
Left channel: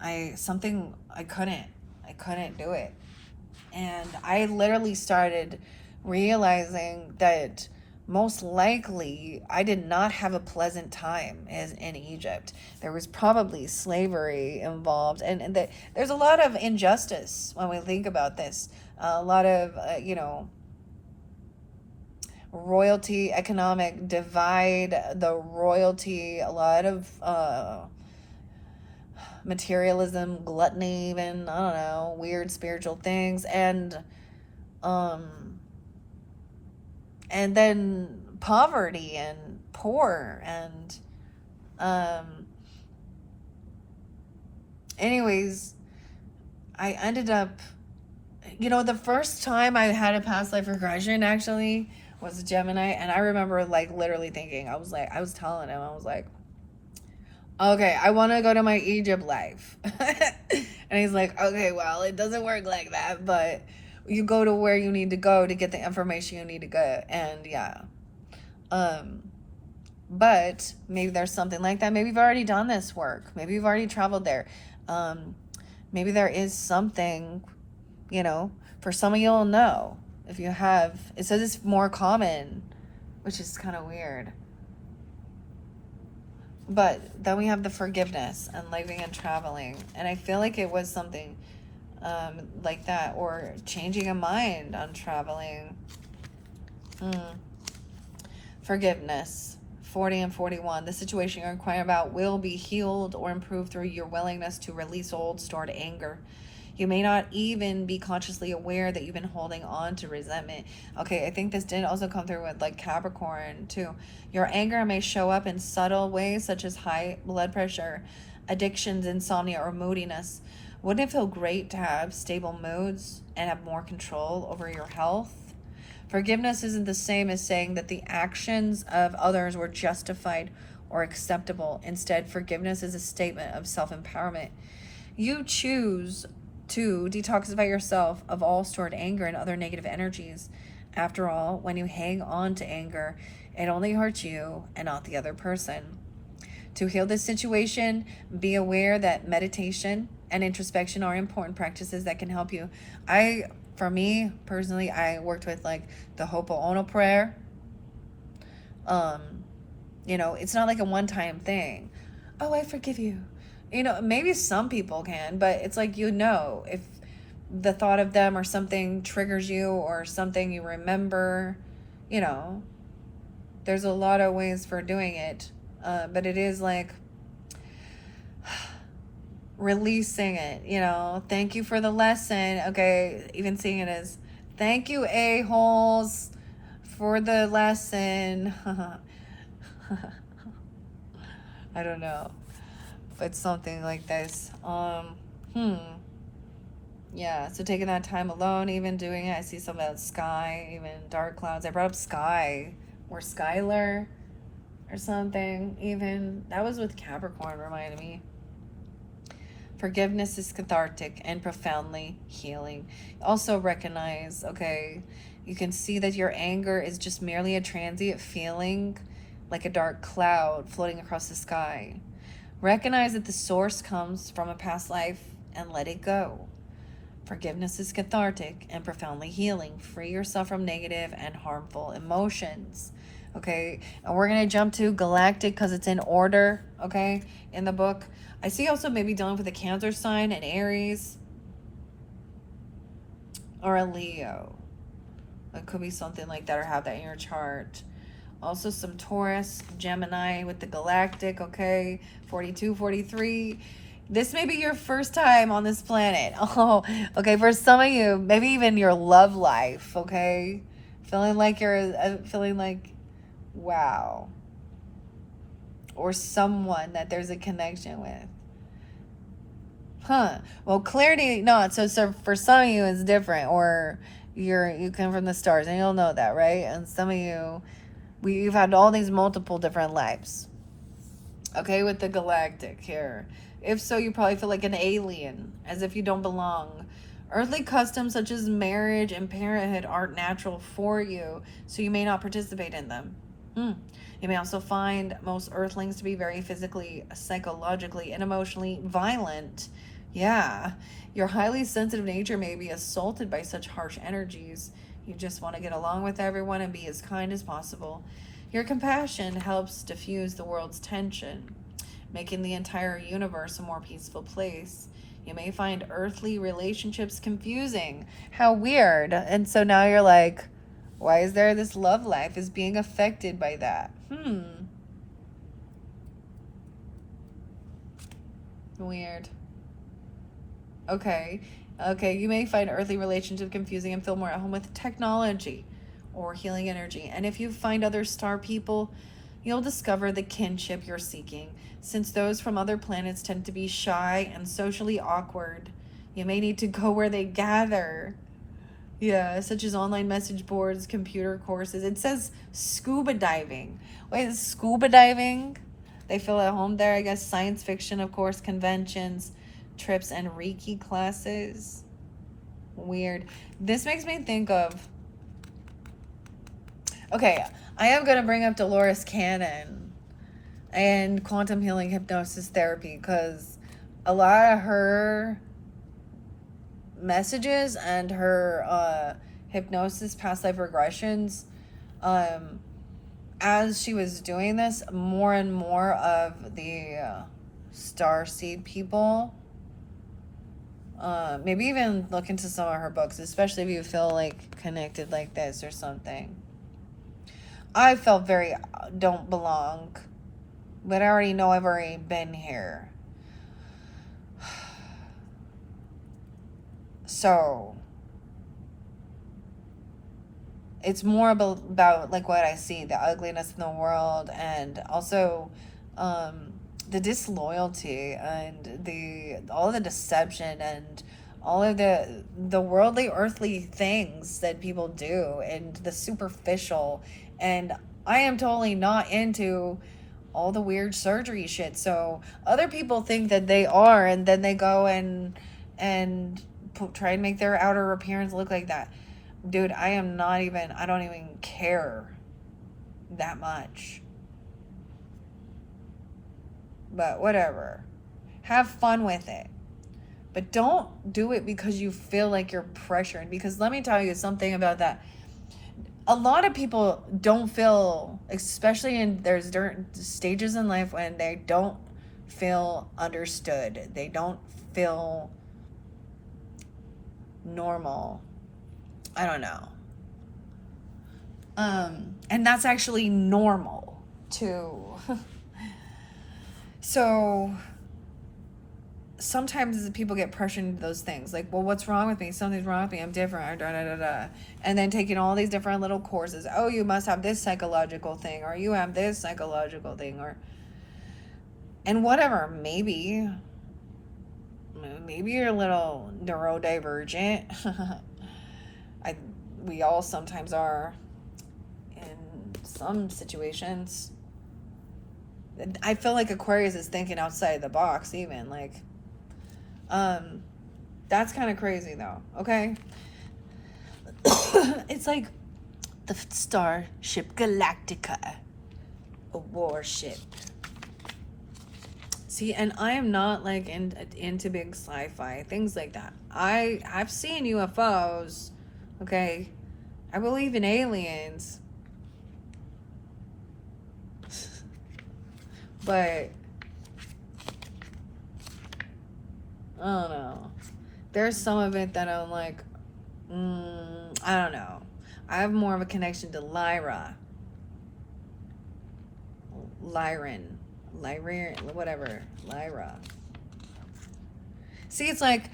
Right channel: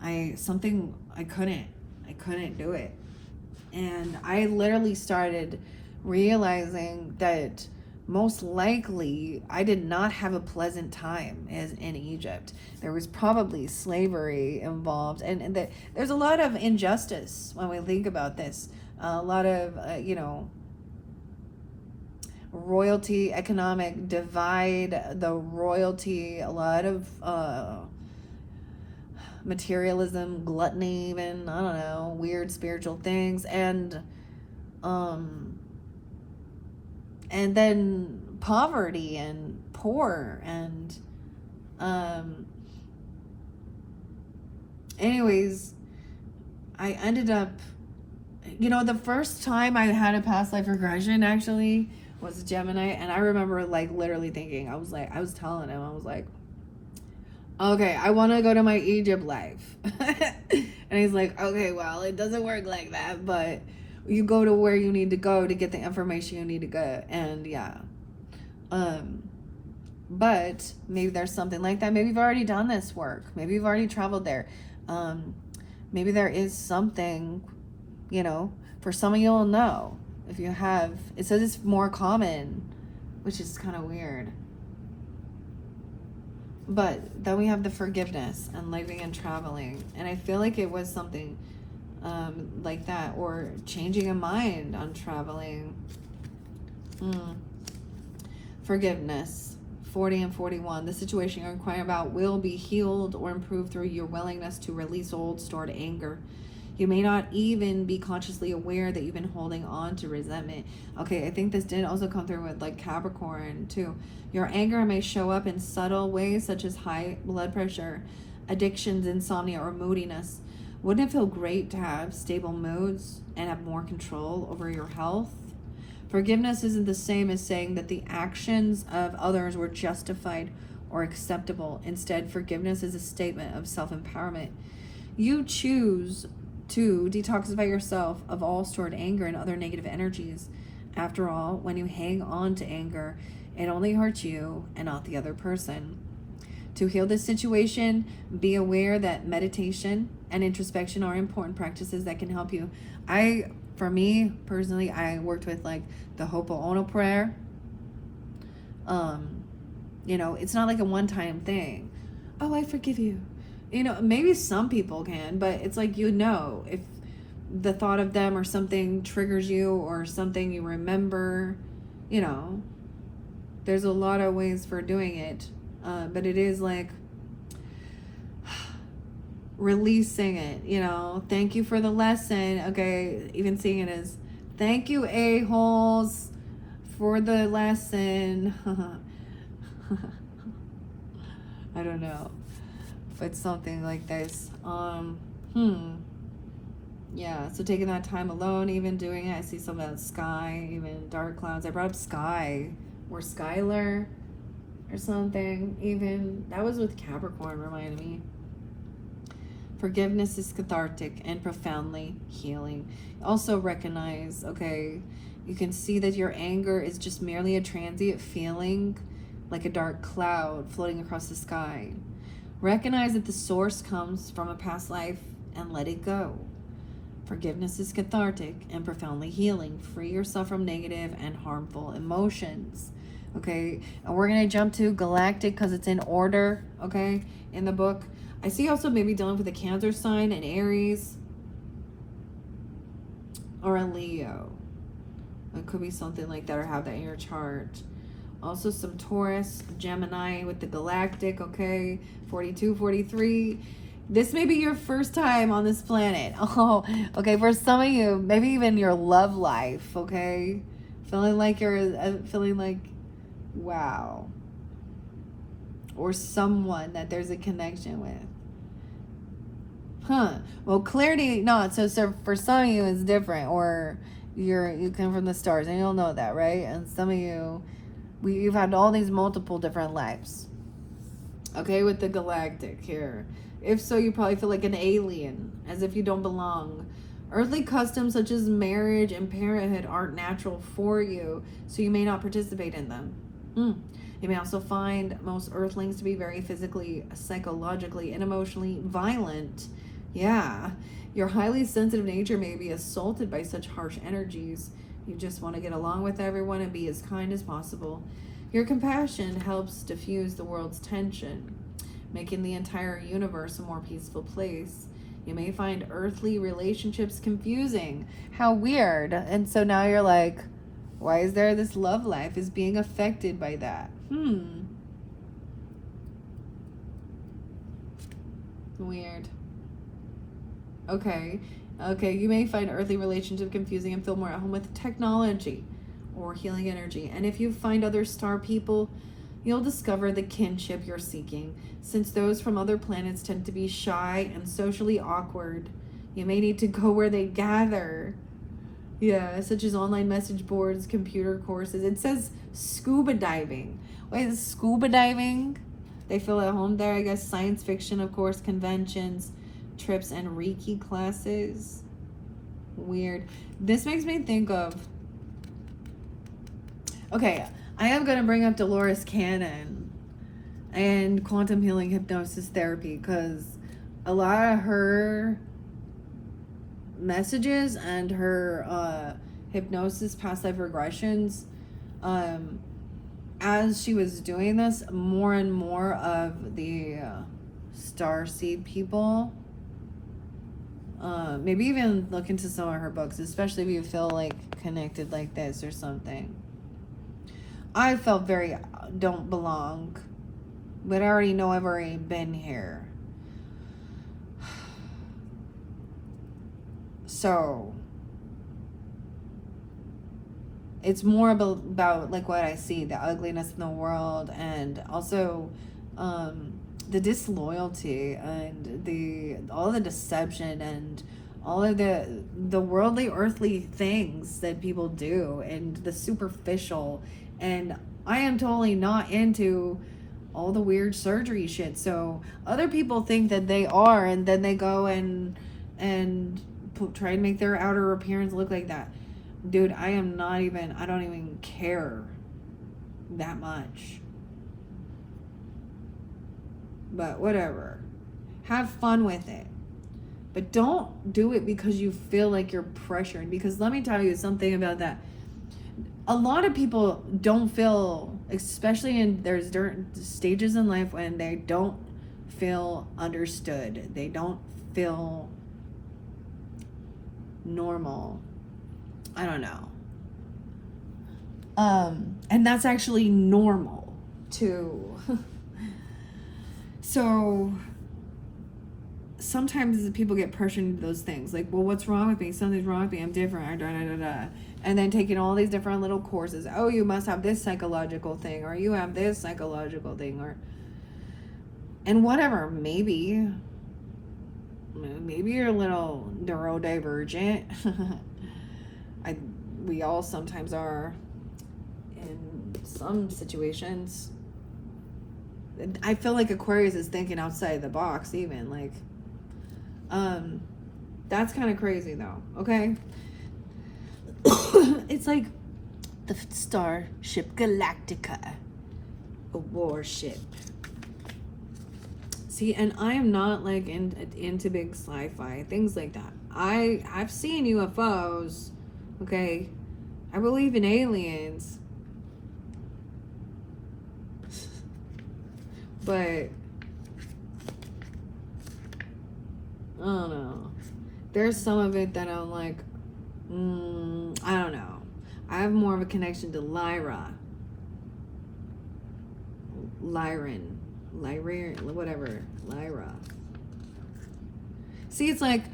I couldn't do it. And I literally started realizing that most likely I did not have a pleasant time as in Egypt. There was probably slavery involved, and there's a lot of injustice when we think about this. A lot of royalty, economic divide, the royalty, a lot of materialism, gluttony, even, I don't know, weird spiritual things, and then poverty and poor, and anyways, I ended up, the first time I had a past life regression actually was Gemini, and I remember like literally thinking, I was telling him, I was like, okay, I want to go to my Egypt life. And he's like, okay, well, it doesn't work like that, but you go to where you need to go to get the information you need to get. And yeah. But maybe there's something like that. Maybe you've already done this work. Maybe you've already traveled there. Maybe there is something, for some of you'll know. If you have, it says it's more common, which is kind of weird. But then we have the forgiveness and living and traveling. And I feel like it was something like that, or changing a mind on traveling. Forgiveness, 40 and 41. The situation you're inquiring about will be healed or improved through your willingness to release old stored anger. You may not even be consciously aware that you've been holding on to resentment. Okay, I think this did also come through with like Capricorn too. Your anger may show up in subtle ways such as high blood pressure, addictions, insomnia, or moodiness. Wouldn't it feel great to have stable moods and have more control over your health? Forgiveness isn't the same as saying that the actions of others were justified or acceptable. Instead, forgiveness is a statement of self-empowerment. You choose to detoxify yourself of all stored anger and other negative energies. After all, when you hang on to anger, it only hurts you and not the other person. To heal this situation, be aware that meditation and introspection are important practices that can help you. For me personally, I worked with like the Ho'oponopono prayer. It's not like a one-time thing. Oh, I forgive you. Maybe some people can, but it's like, if the thought of them or something triggers you or something you remember, there's a lot of ways for doing it. But it is like releasing it, thank you for the lesson. Okay. Even seeing it as thank you, a-holes, for the lesson. I don't know. It's something like this. Yeah, so taking that time alone, even doing it. I see some of the sky, even dark clouds. I brought up sky or Skylar or something. Even that was with Capricorn, reminded me. Forgiveness is cathartic and profoundly healing. Also recognize, you can see that your anger is just merely a transient feeling, like a dark cloud floating across the sky. Recognize that the source comes from a past life and let it go. Forgiveness is cathartic and profoundly healing. Free yourself from negative and harmful emotions. Okay, and we're going to jump to Galactic because it's in order, in the book. I see also maybe dealing with a Cancer sign, an Aries, or a Leo. It could be something like that, or have that in your chart. Also some Taurus, Gemini with the Galactic, 42, 43. This may be your first time on this planet. For some of you, maybe even your love life, feeling like, wow. Or someone that there's a connection with. Well, clarity, not. So for some of you, it's different. Or you come from the stars, and you'll know that, right? And some of you, you've had all these multiple different lives. With the Galactic here. If so, you probably feel like an alien, as if you don't belong, Earthly customs such as marriage and parenthood aren't natural for you, so you may not participate in them. You may also find most earthlings to be very physically, psychologically, and emotionally violent. Yeah, your highly sensitive nature may be assaulted by such harsh energies. You just want to get along with everyone and be as kind as possible. Your compassion helps diffuse the world's tension, making the entire universe a more peaceful place. You may find earthly relationships confusing. How weird. And so now you're like, why is there this love life is being affected by that? Weird. Okay. You may find earthly relationships confusing and feel more at home with technology or healing energy. And if you find other star people, you'll discover the kinship you're seeking. Since those from other planets tend to be shy and socially awkward, you may need to go where they gather. Yeah, such as online message boards, computer courses. It says scuba diving. Wait, is scuba diving? They feel at home there, I guess. Science fiction, of course, conventions, trips, and Reiki classes. Weird. This makes me think of... Okay, I am going to bring up Dolores Cannon and quantum healing hypnosis therapy, because a lot of her messages and her hypnosis past life regressions, as she was doing this, more and more of the starseed people, maybe even look into some of her books, especially if you feel like connected like this or something. I felt very don't belong, but I already know I've already been here. So it's more about like what I see, the ugliness in the world, and also the disloyalty and all the deception and all of the worldly, earthly things that people do, and the superficial. And I am totally not into all the weird surgery shit. So other people think that they are, and then they go and try and make their outer appearance look like that. Dude, I don't even care that much. But whatever. Have fun with it. But don't do it because you feel like you're pressured. Because let me tell you something about that. A lot of people don't feel, especially there's stages in life when they don't feel understood. They don't feel normal. I don't know. And that's actually normal too. So sometimes people get pressured into those things, like, well, what's wrong with me? Something's wrong with me. I'm different. And then taking all these different little courses. Oh, you must have this psychological thing, or you have this psychological thing, and whatever. Maybe you're a little neurodivergent. We all sometimes are in some situations. I feel like Aquarius is thinking outside the box, even, like, that's kind of crazy though. Okay. It's like the starship Galactica, a warship. See, and I'm not like into big sci-fi things like that. I've seen UFOs. Okay, I believe in aliens, but I don't know. There's some of it that I'm like, I don't know. I have more of a connection to Lyran, whatever, Lyra. See, it's like,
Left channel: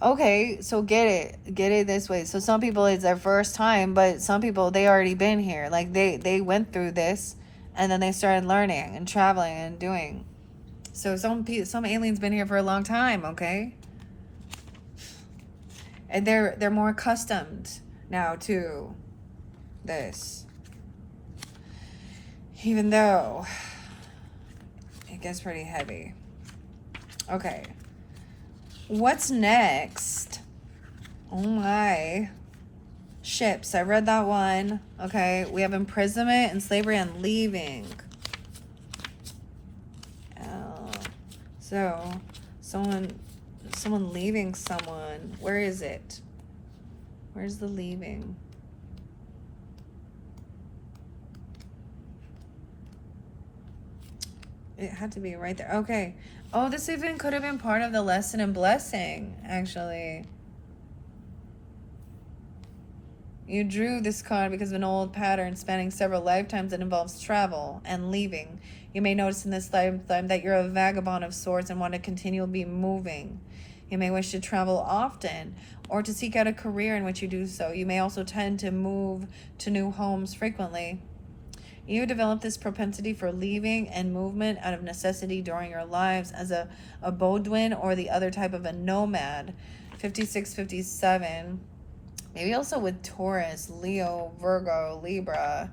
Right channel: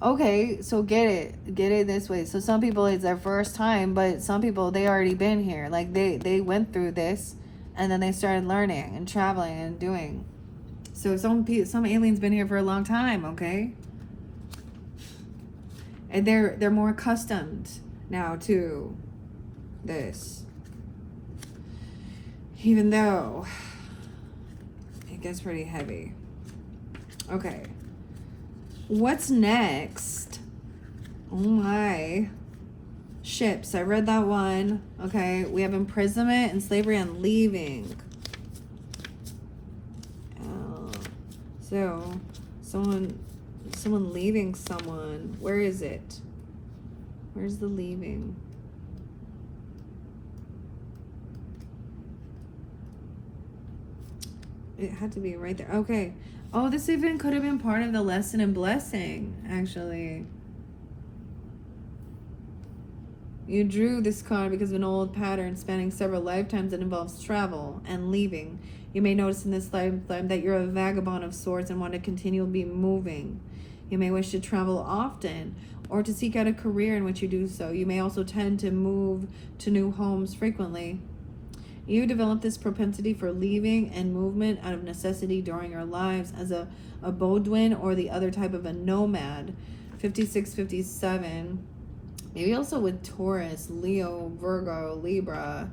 okay, so get it this way. So some people, it's their first time, but some people, they already been here. Like they went through this, and then they started learning and traveling and doing. So some aliens been here for a long time, okay? And they're more accustomed now to this. Even though it gets pretty heavy. Okay. What's next Oh my. Ships. I read that one. Okay. We have imprisonment and slavery and leaving. So, someone leaving someone. Where is it? Where's the leaving? It had to be right there. Okay. Oh, this even could have been part of the lesson in blessing, actually. You drew this card because of an old pattern spanning several lifetimes that involves travel and leaving. You may notice in this lifetime that you're a vagabond of sorts and want to continually be moving. You may wish to travel often or to seek out a career in which you do so. You may also tend to move to new homes frequently. You develop this propensity for leaving and movement out of necessity during your lives as a Bodwin or the other type of a nomad. 56, 57. Maybe also with Taurus, Leo, Virgo, Libra.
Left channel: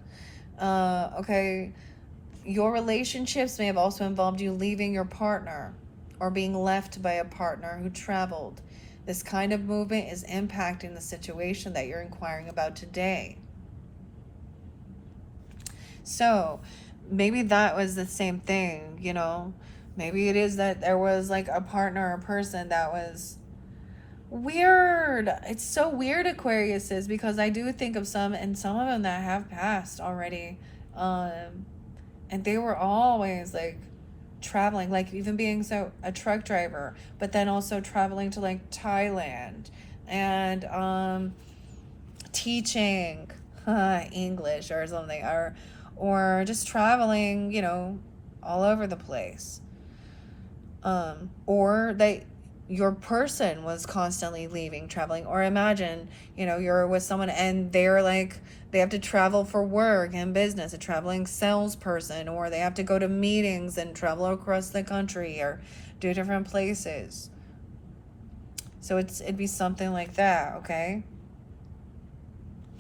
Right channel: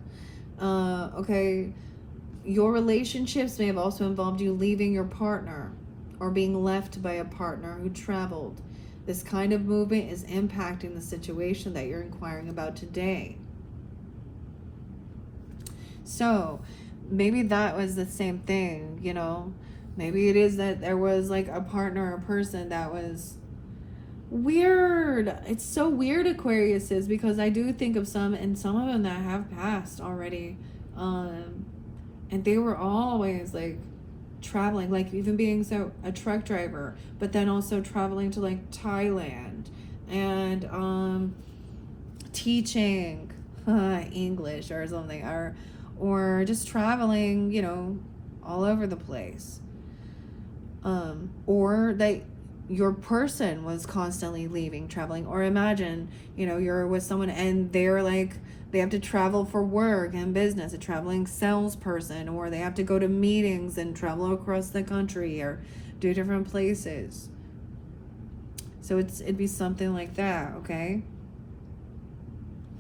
Okay. Your relationships may have also involved you leaving your partner or being left by a partner who traveled. This kind of movement is impacting the situation that you're inquiring about today. So maybe that was the same thing, you know. Maybe it is that there was like a partner or person that was weird. It's so weird, Aquarius is, because I do think of some of them that have passed already. And they were always like traveling, like even being a truck driver, but then also traveling to like Thailand and teaching English or something, or just traveling, you know, all over the place. Or that your person was constantly leaving, traveling. Or imagine, you know, you're with someone and they're like, they have to travel for work and business, a traveling salesperson, or they have to go to meetings and travel across the country or do different places. So it'd be something like that, okay?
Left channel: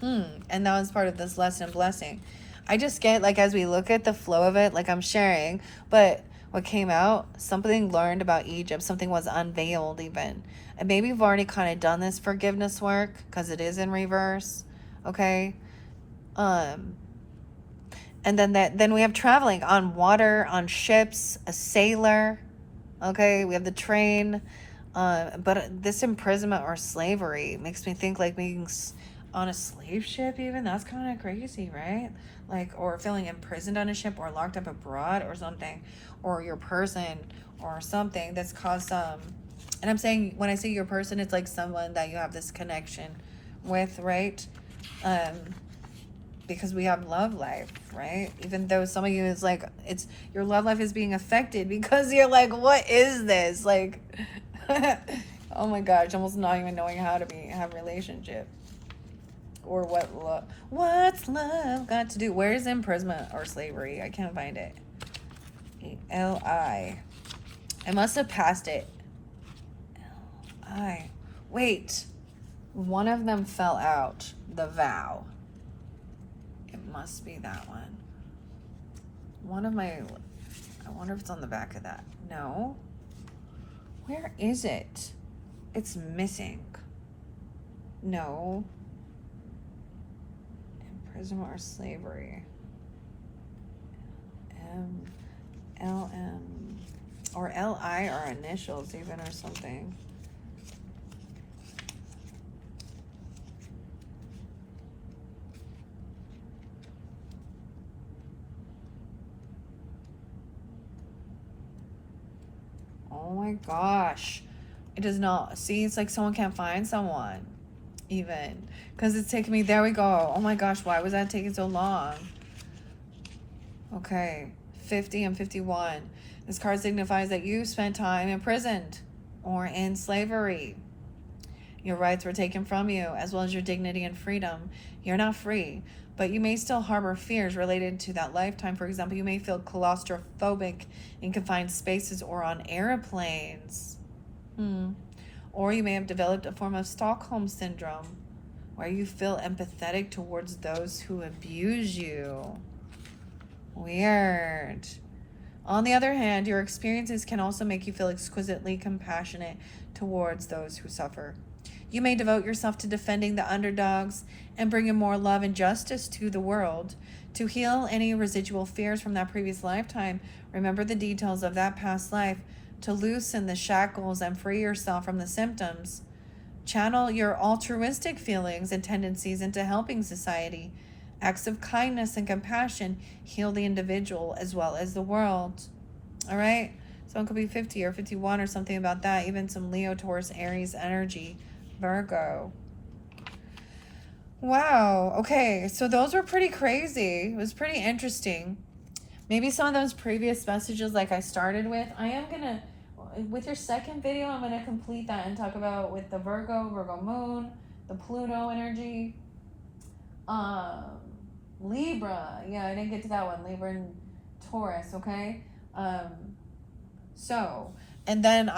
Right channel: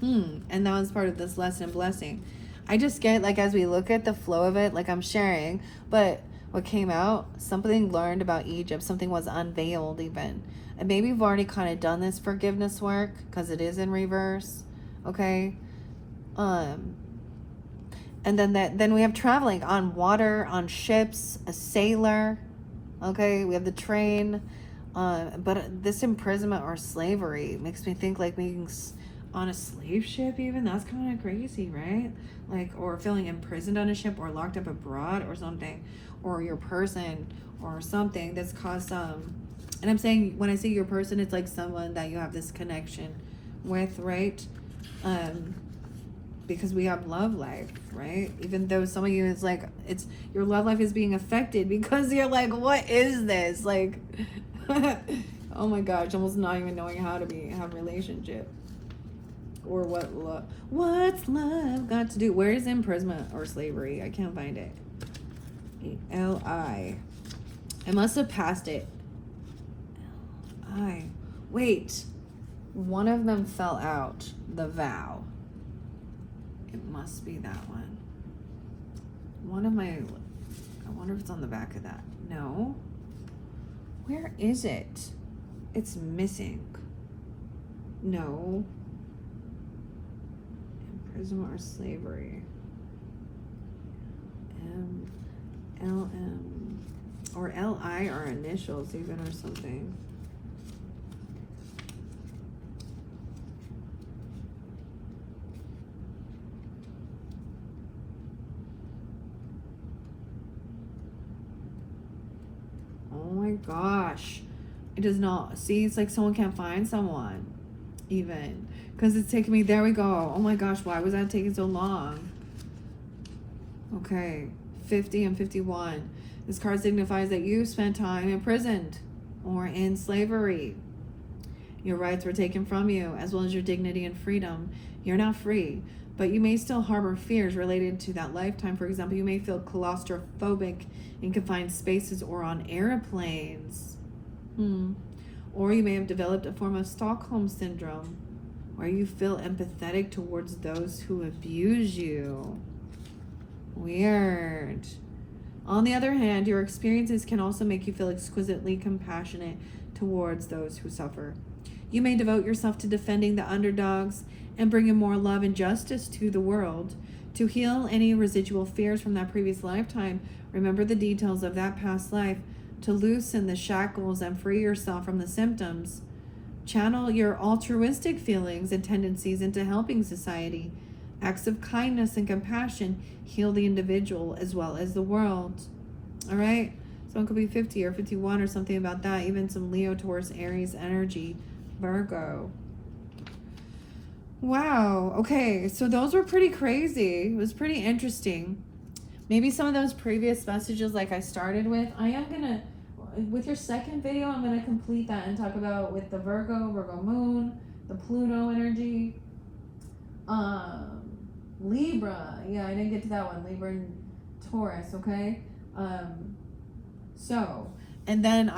And that was part of this lesson blessing. I just get, like, as we look at the flow of it, like I'm sharing, but what came out, something learned about Egypt, something was unveiled even. And maybe we've already kind of done this forgiveness work because it is in reverse, okay? And then we have traveling on water, on ships, a sailor, okay? We have the train, but this imprisonment or slavery makes me think like being on a slave ship even. That's kind of crazy, right? Like, or feeling imprisoned on a ship or locked up abroad or something, or your person or something that's caused and I'm saying, when I say your person, it's like someone that you have this connection with, right? Because we have love life, right? Even though some of you is like, it's your love life is being affected because you're like, what is this? Like, oh my gosh, almost not even knowing how to have a relationship. Or what's love got to do? Where is imprisonment or slavery? I can't find it. L-I. I must have passed it. L-I. Wait. One of them fell out. The vow. It must be that one. I wonder if it's on the back of that. No. Where is it? It's missing. No. Imprisonment or slavery. M-L-M. Or L-I are initials even or something. Oh my gosh. It does not. See, it's like someone can't find someone even. Because it's taking me, there we go. Oh my gosh, why was that taking so long? Okay, 50 and 51. This card signifies that you spent time imprisoned or in slavery. Your rights were taken from you, as well as your dignity and freedom. You're now free, but you may still harbor fears related to that lifetime. For example, you may feel claustrophobic in confined spaces or on airplanes. Or you may have developed a form of Stockholm syndrome, where you feel empathetic towards those who abuse you. Weird. On the other hand, your experiences can also make you feel exquisitely compassionate towards those who suffer. You may devote yourself to defending the underdogs and bringing more love and justice to the world. To heal any residual fears from that previous lifetime, remember the details of that past life to loosen the shackles and free yourself from the symptoms. Channel your altruistic feelings and tendencies into helping society. Acts of kindness and compassion heal the individual as well as the world. All right? Someone could be 50 or 51 or something about that. Even some Leo, Taurus, Aries energy. Virgo. Wow. Okay. So those were pretty crazy. It was pretty interesting. Maybe some of those previous messages like I started with, I am going to, with your second video, I'm going to complete that and talk about with the Virgo moon, the Pluto energy, Libra. Yeah, I didn't get to that one. Libra and Taurus, okay? And then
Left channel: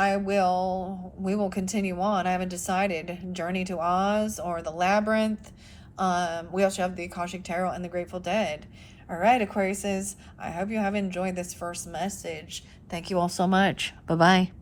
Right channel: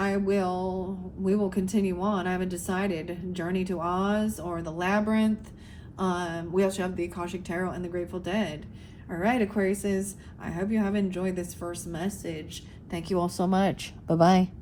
we will continue on. I haven't decided. Journey to Oz or the Labyrinth. We also have the Akashic Tarot and the Grateful Dead. All right, Aquariuses, I hope you have enjoyed this first message. Thank you all so much. Bye-bye.